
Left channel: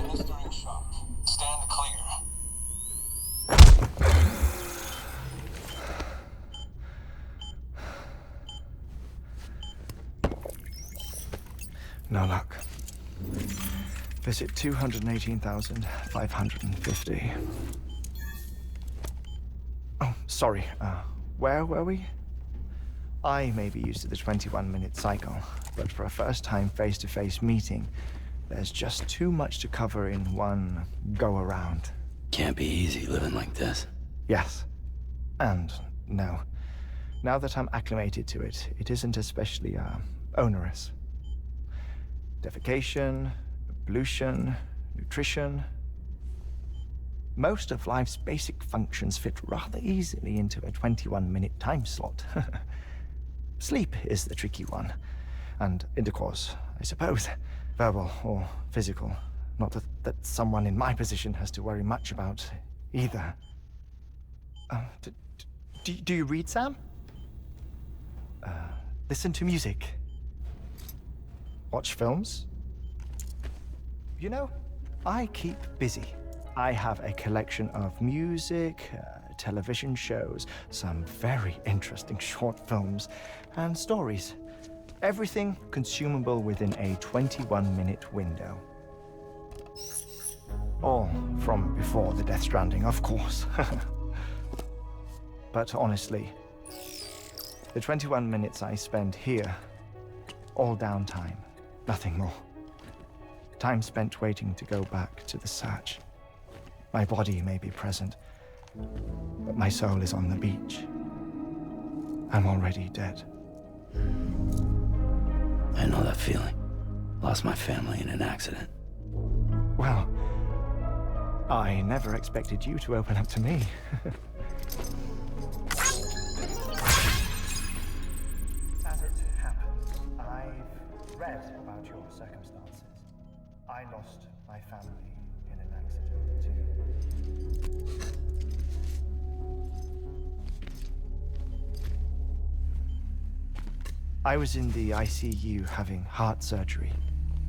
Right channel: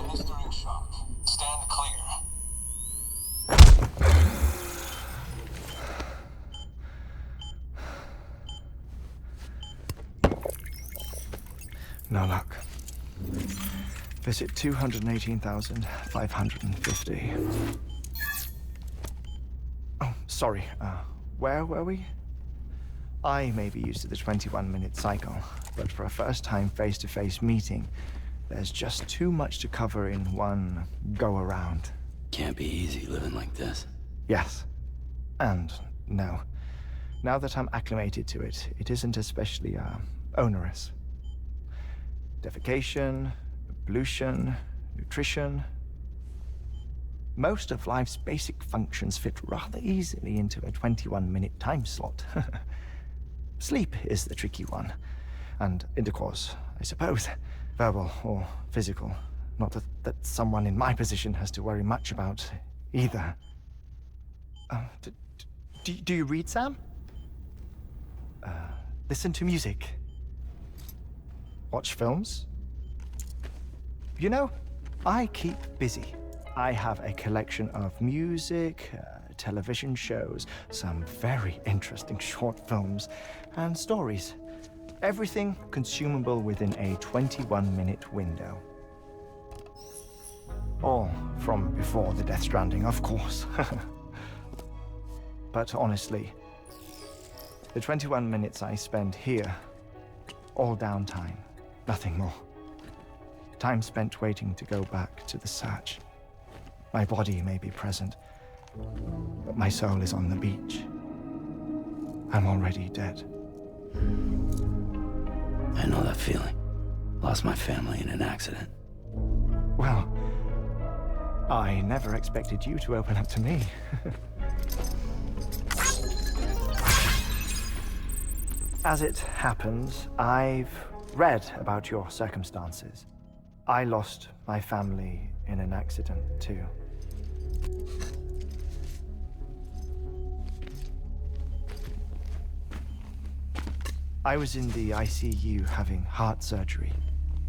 Administering shock. Stand clear. No luck. Visit 218,550. Oh, sorry. Where were we? I may be used to the 21-minute cycle, but for a first-time face-to-face meeting, there's just too much to cover in one go-around. Can't be easy living like this. Yes. And no. Now that I'm acclimated to it, it isn't especially, onerous. Defecation, pollution, nutrition. Most of life's basic functions fit rather easily into a 21-minute time slot. Sleep is the tricky one. And intercourse, I suppose. Verbal or physical. Not that someone in my position has to worry much about either. Do you read, Sam? Listen to music. Watch films? You know, I keep busy. I have a collection of music, television shows, some very interesting short films, and stories. Everything consumable within a 21-minute window. All from before the Death Stranding, of course. But honestly, the 21 minutes I spend here, all downtime, nothing more. Time spent waiting to go back to the search. My body may be present, but my soul is on the beach. I'm already dead. I know that feeling. Lost my family in an accident. Well, I never expected you to open up to me. As it happens, I've read about your circumstances. I lost my family in an accident, too. I was in the ICU having heart surgery,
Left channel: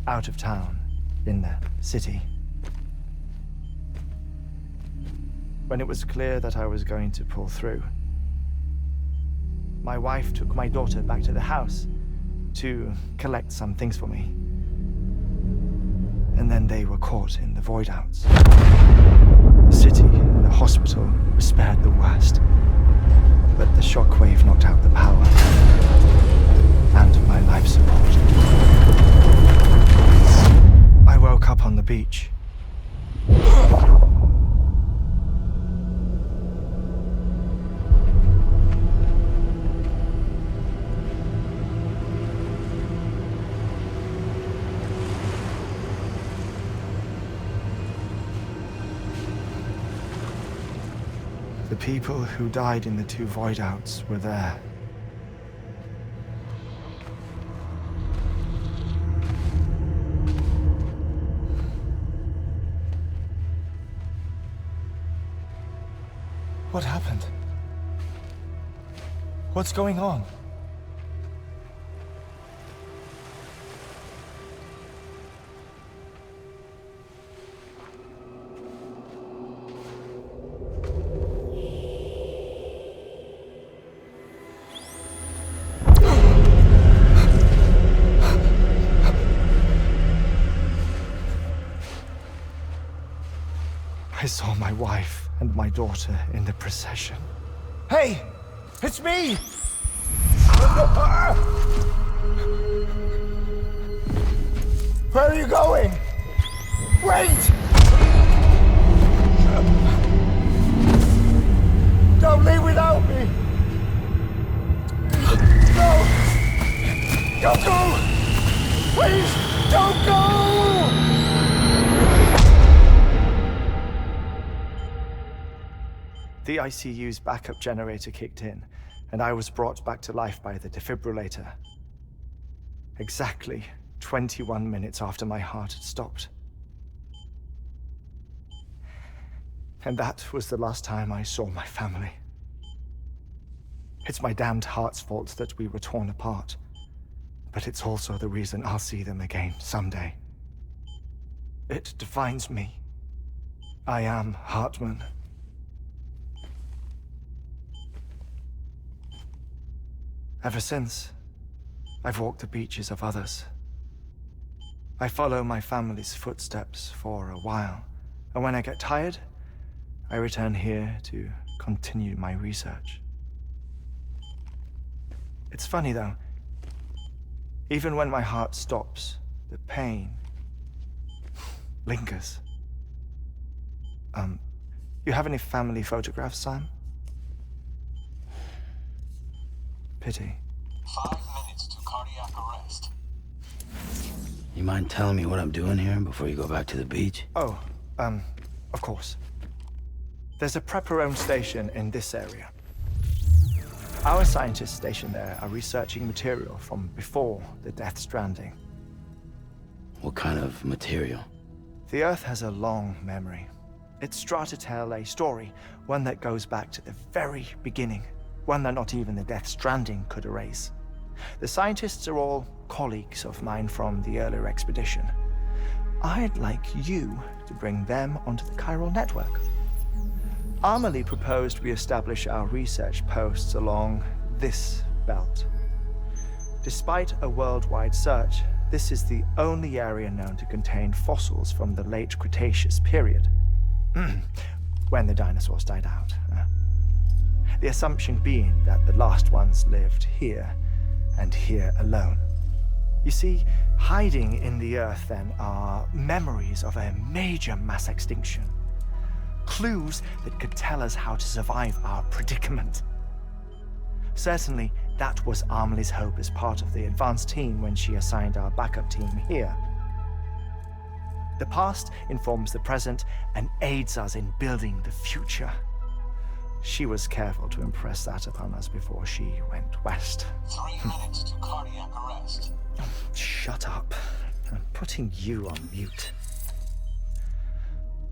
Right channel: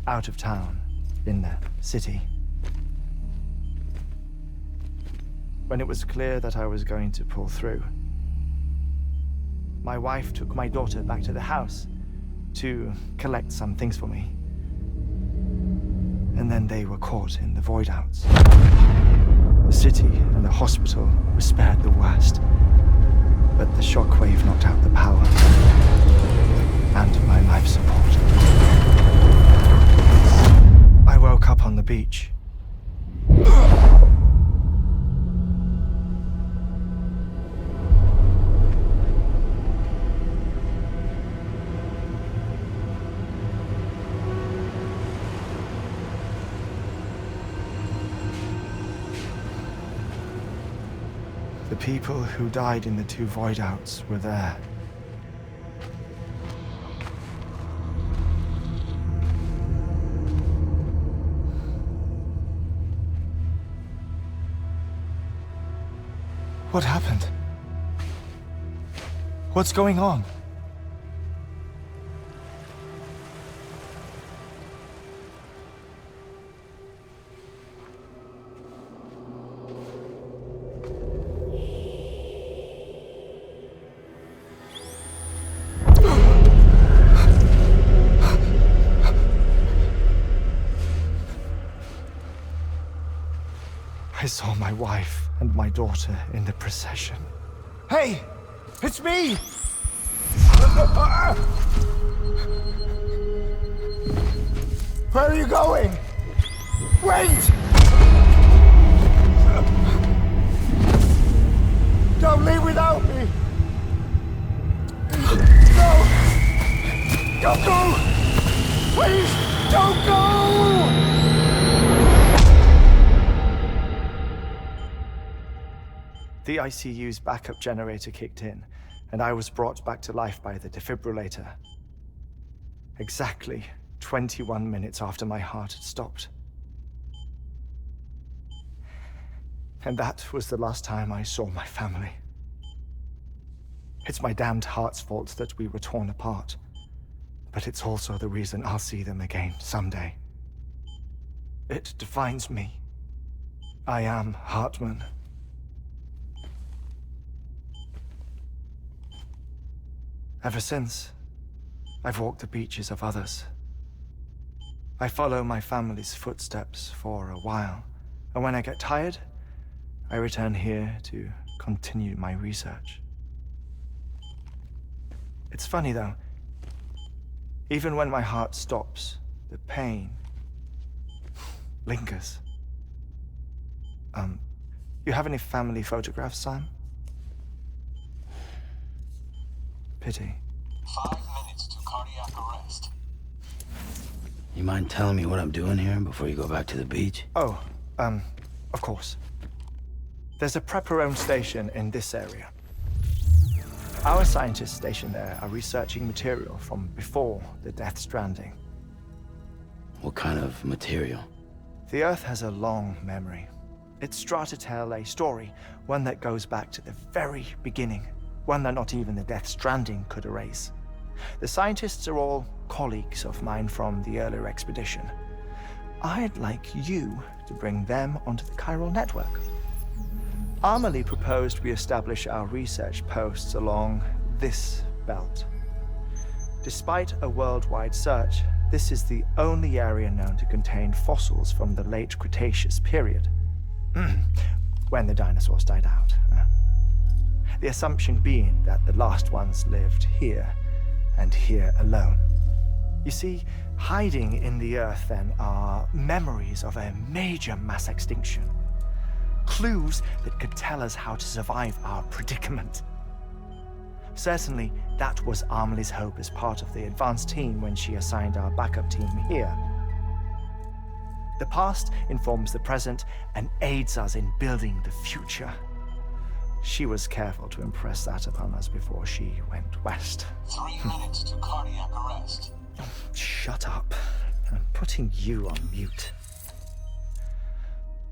out of town, in the city. When it was clear that I was going to pull through, my wife took my daughter back to the house to collect some things for me. And then they were caught in the void outs. The city and the hospital were spared the worst, but the shockwave knocked out the power and my life support. I woke up on the beach. The people who died in the 2 void outs were there. What happened? What's going on? I saw my wife and my daughter in the procession. Hey! It's me! Where are you going? Wait! Don't leave without me! No! Don't go! Please, don't go! The ICU's backup generator kicked in, and I was brought back to life by the defibrillator. Exactly 21 minutes after my heart had stopped. And that was the last time I saw my family. It's my damned heart's fault that we were torn apart, but it's also the reason I'll see them again someday. It defines me. I am Hartman. Ever since, I've walked the beaches of others. I follow my family's footsteps for a while, and when I get tired, I return here to continue my research. It's funny though, even when my heart stops, the pain lingers. You have any family photographs, Sam? Pity. 5 minutes to cardiac arrest. You mind telling me what I'm doing here before you go back to the beach? Oh, of course. There's a prep-your-own station in this area. Our scientists stationed there are researching material from before the Death Stranding. What kind of material? The Earth has a long memory. It's trying to tell a story, one that goes back to the very beginning. One that not even the Death Stranding could erase. The scientists are all colleagues of mine from the earlier expedition. I'd like you to bring them onto the chiral network. Amelie proposed we establish our research posts along this belt. Despite a worldwide search, this is the only area known to contain fossils from the late Cretaceous period, when the dinosaurs died out. The assumption being that the last ones lived here, and here alone. You see, hiding in the Earth then are memories of a major mass extinction. Clues that could tell us how to survive our predicament. Certainly, that was Amelie's hope as part of the advanced team when she assigned our backup team here. The past informs the present and aids us in building the future. She was careful to impress that upon us before she went west. 3 minutes to cardiac arrest. Shut up. I'm putting you on mute.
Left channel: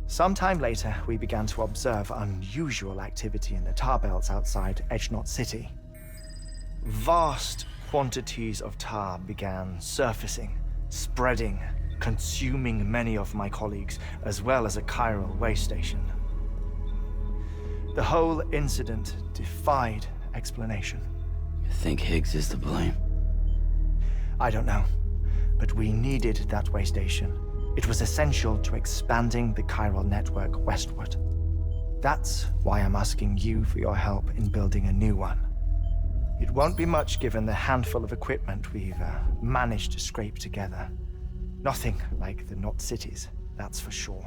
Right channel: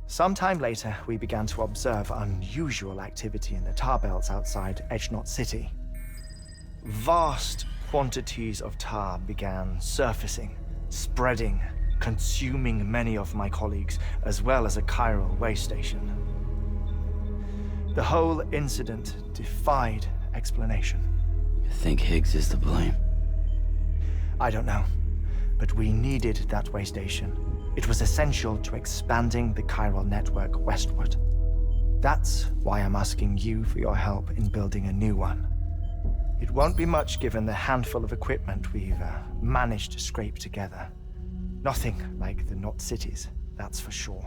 Sometime later, we began to observe unusual activity in the tar belts outside Edgenot City. Vast quantities of tar began surfacing, spreading, consuming many of my colleagues, as well as a chiral way station. The whole incident defied explanation. You think Higgs is to blame? I don't know, but we needed that way station. It was essential to expanding the chiral network westward. That's why I'm asking you for your help in building a new one. It won't be much given the handful of equipment we've managed to scrape together. Nothing like the Knot cities, that's for sure.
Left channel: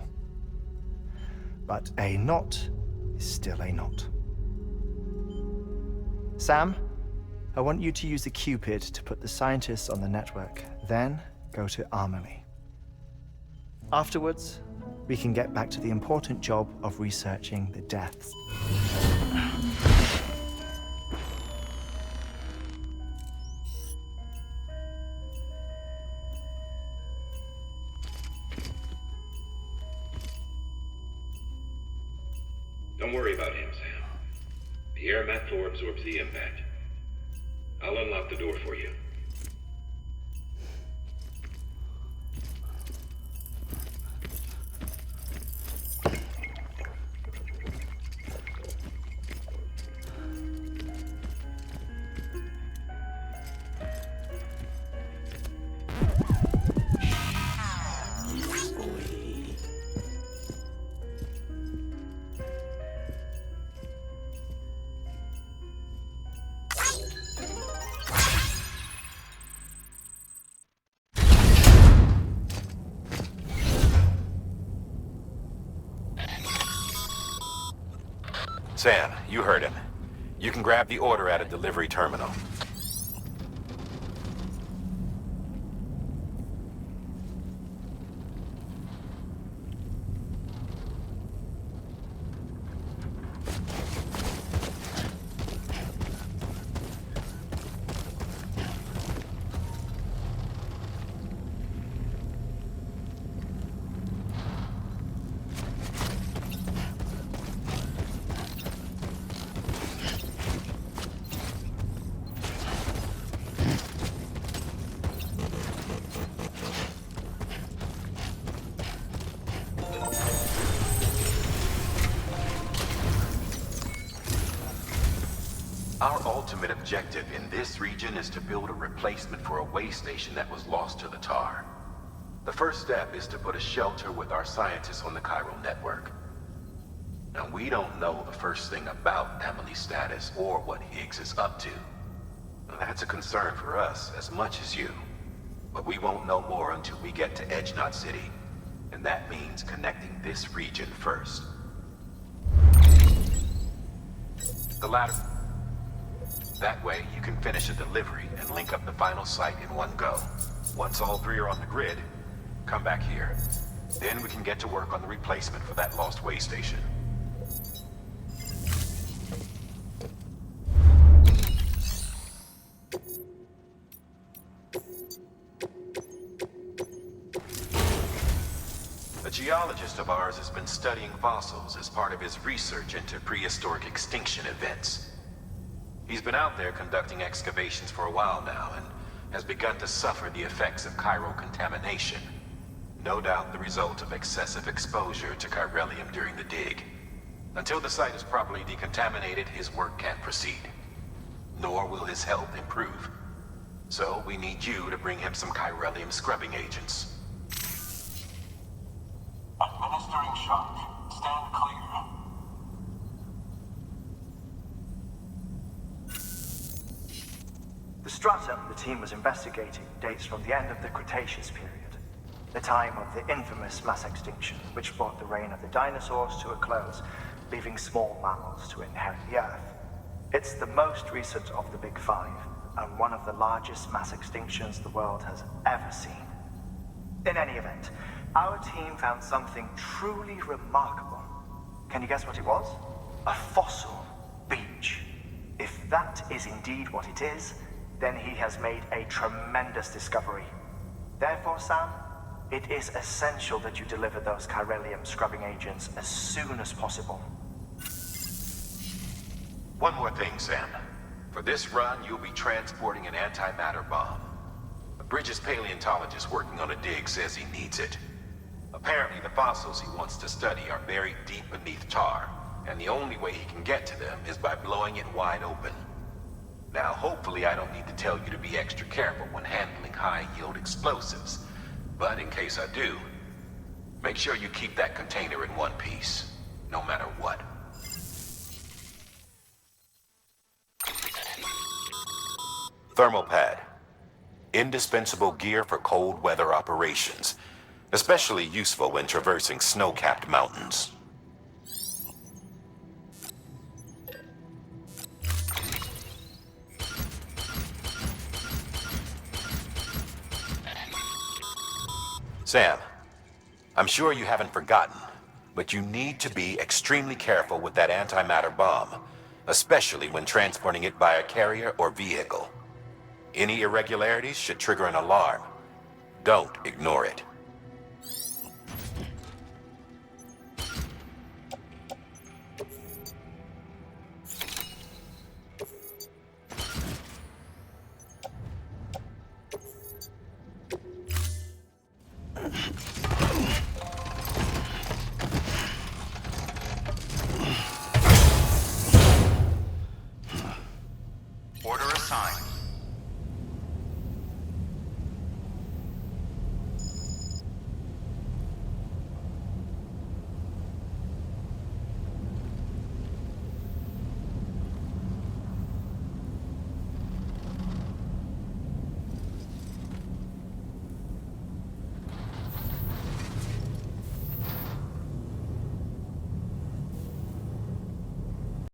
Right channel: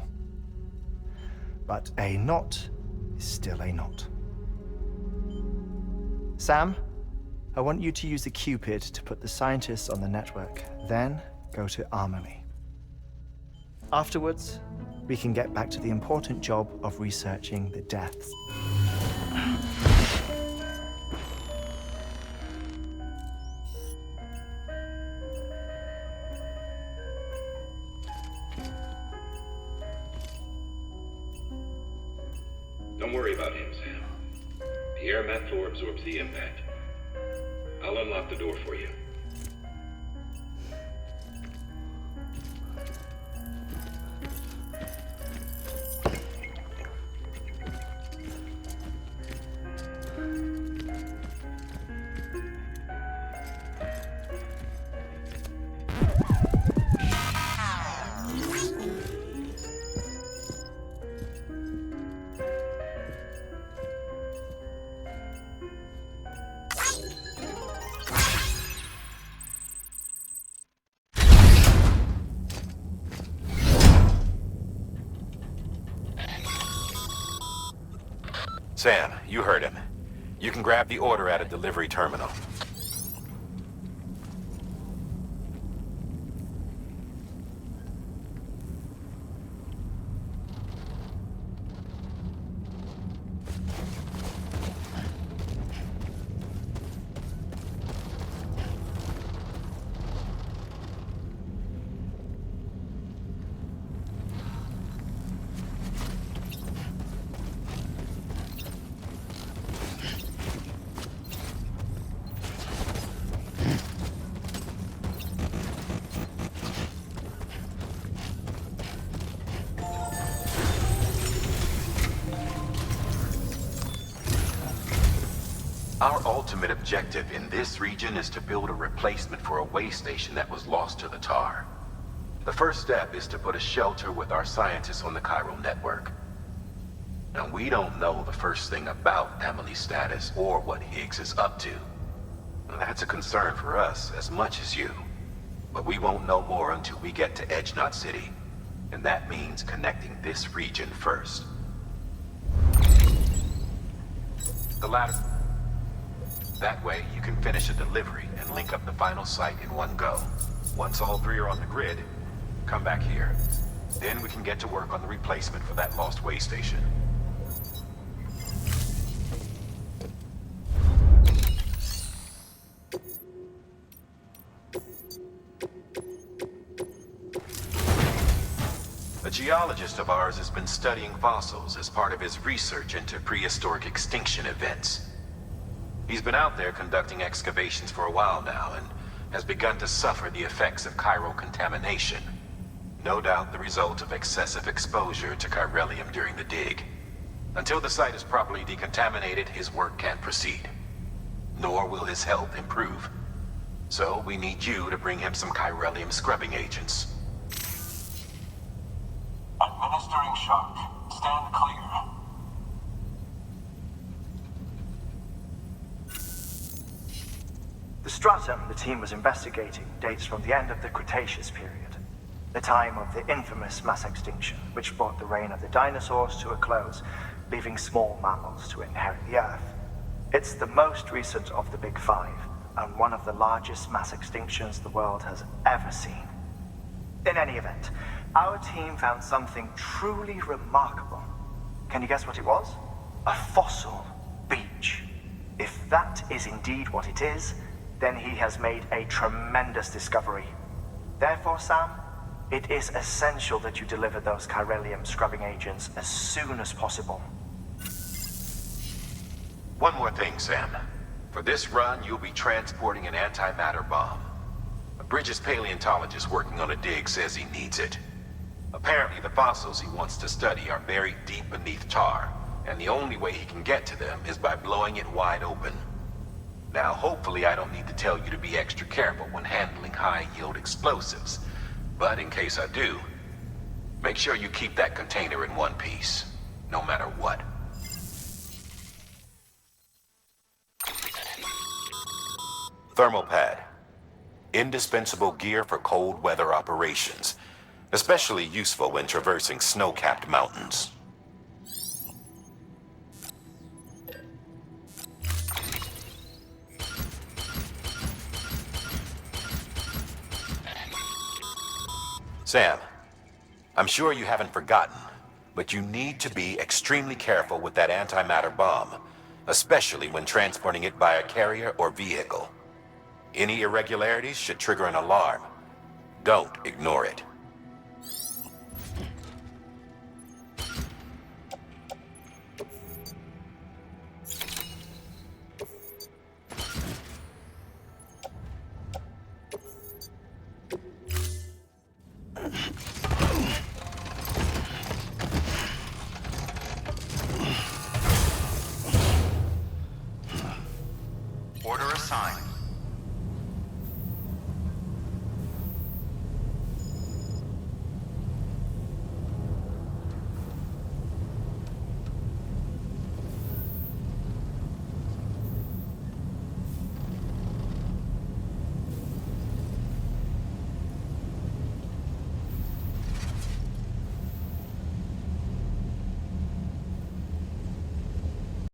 But a knot is still a knot. Sam, I want you to use the Cupid to put the scientists on the network, then go to Amelie. Afterwards, we can get back to the important job of researching the deaths. Don't worry about him, Sam. The air mat floor absorbs the impact. I'll unlock the door for you. Sam, you heard him. You can grab the order at a delivery terminal. Our ultimate objective in this region is to build a replacement for a way station that was lost to the tar. The first step is to put a shelter with our scientists on the chiral network. Now, we don't know the first thing about Amelie's status or what Higgs is up to. Now, that's a concern for us as much as you. But we won't know more until we get to Edgenot City. And that means connecting this region first. The ladder. That way, you can finish a delivery and link up the final site in one go. Once all three are on the grid, come back here. Then we can get to work on the replacement for that lost way station. A geologist of ours has been studying fossils as part of his research into prehistoric extinction events. He's been out there conducting excavations for a while now and has begun to suffer the effects of chiral contamination. No doubt the result of excessive exposure to chiralium during the dig. Until the site is properly decontaminated, his work can't proceed. Nor will his health improve. So we need you to bring him some chiralium scrubbing agents. Administering shock. Stand clear. The stratum the team was investigating dates from the end of the Cretaceous period, the time of the infamous mass extinction, which brought the reign of the dinosaurs to a close, leaving small mammals to inherit the Earth. It's the most recent of the Big Five, and one of the largest mass extinctions the world has ever seen. In any event, our team found something truly remarkable. Can you guess what it was? A fossil beach. If that is indeed what it is, then he has made a tremendous discovery. Therefore, Sam, it is essential that you deliver those chiralium scrubbing agents as soon as possible. One more thing, Sam. For this run, you'll be transporting an antimatter bomb. A Bridges paleontologist working on a dig says he needs it. Apparently, the fossils he wants to study are buried deep beneath tar, and the only way he can get to them is by blowing it wide open. Now, hopefully I don't need to tell you to be extra careful when handling high-yield explosives, but in case I do, make sure you keep that container in one piece, no matter what. Thermal pad. Indispensable gear for cold weather operations, especially useful when traversing snow-capped mountains. Sam, I'm sure you haven't forgotten, but you need to be extremely careful with that antimatter bomb, especially when transporting it by a carrier or vehicle. Any irregularities should trigger an alarm. Don't ignore it.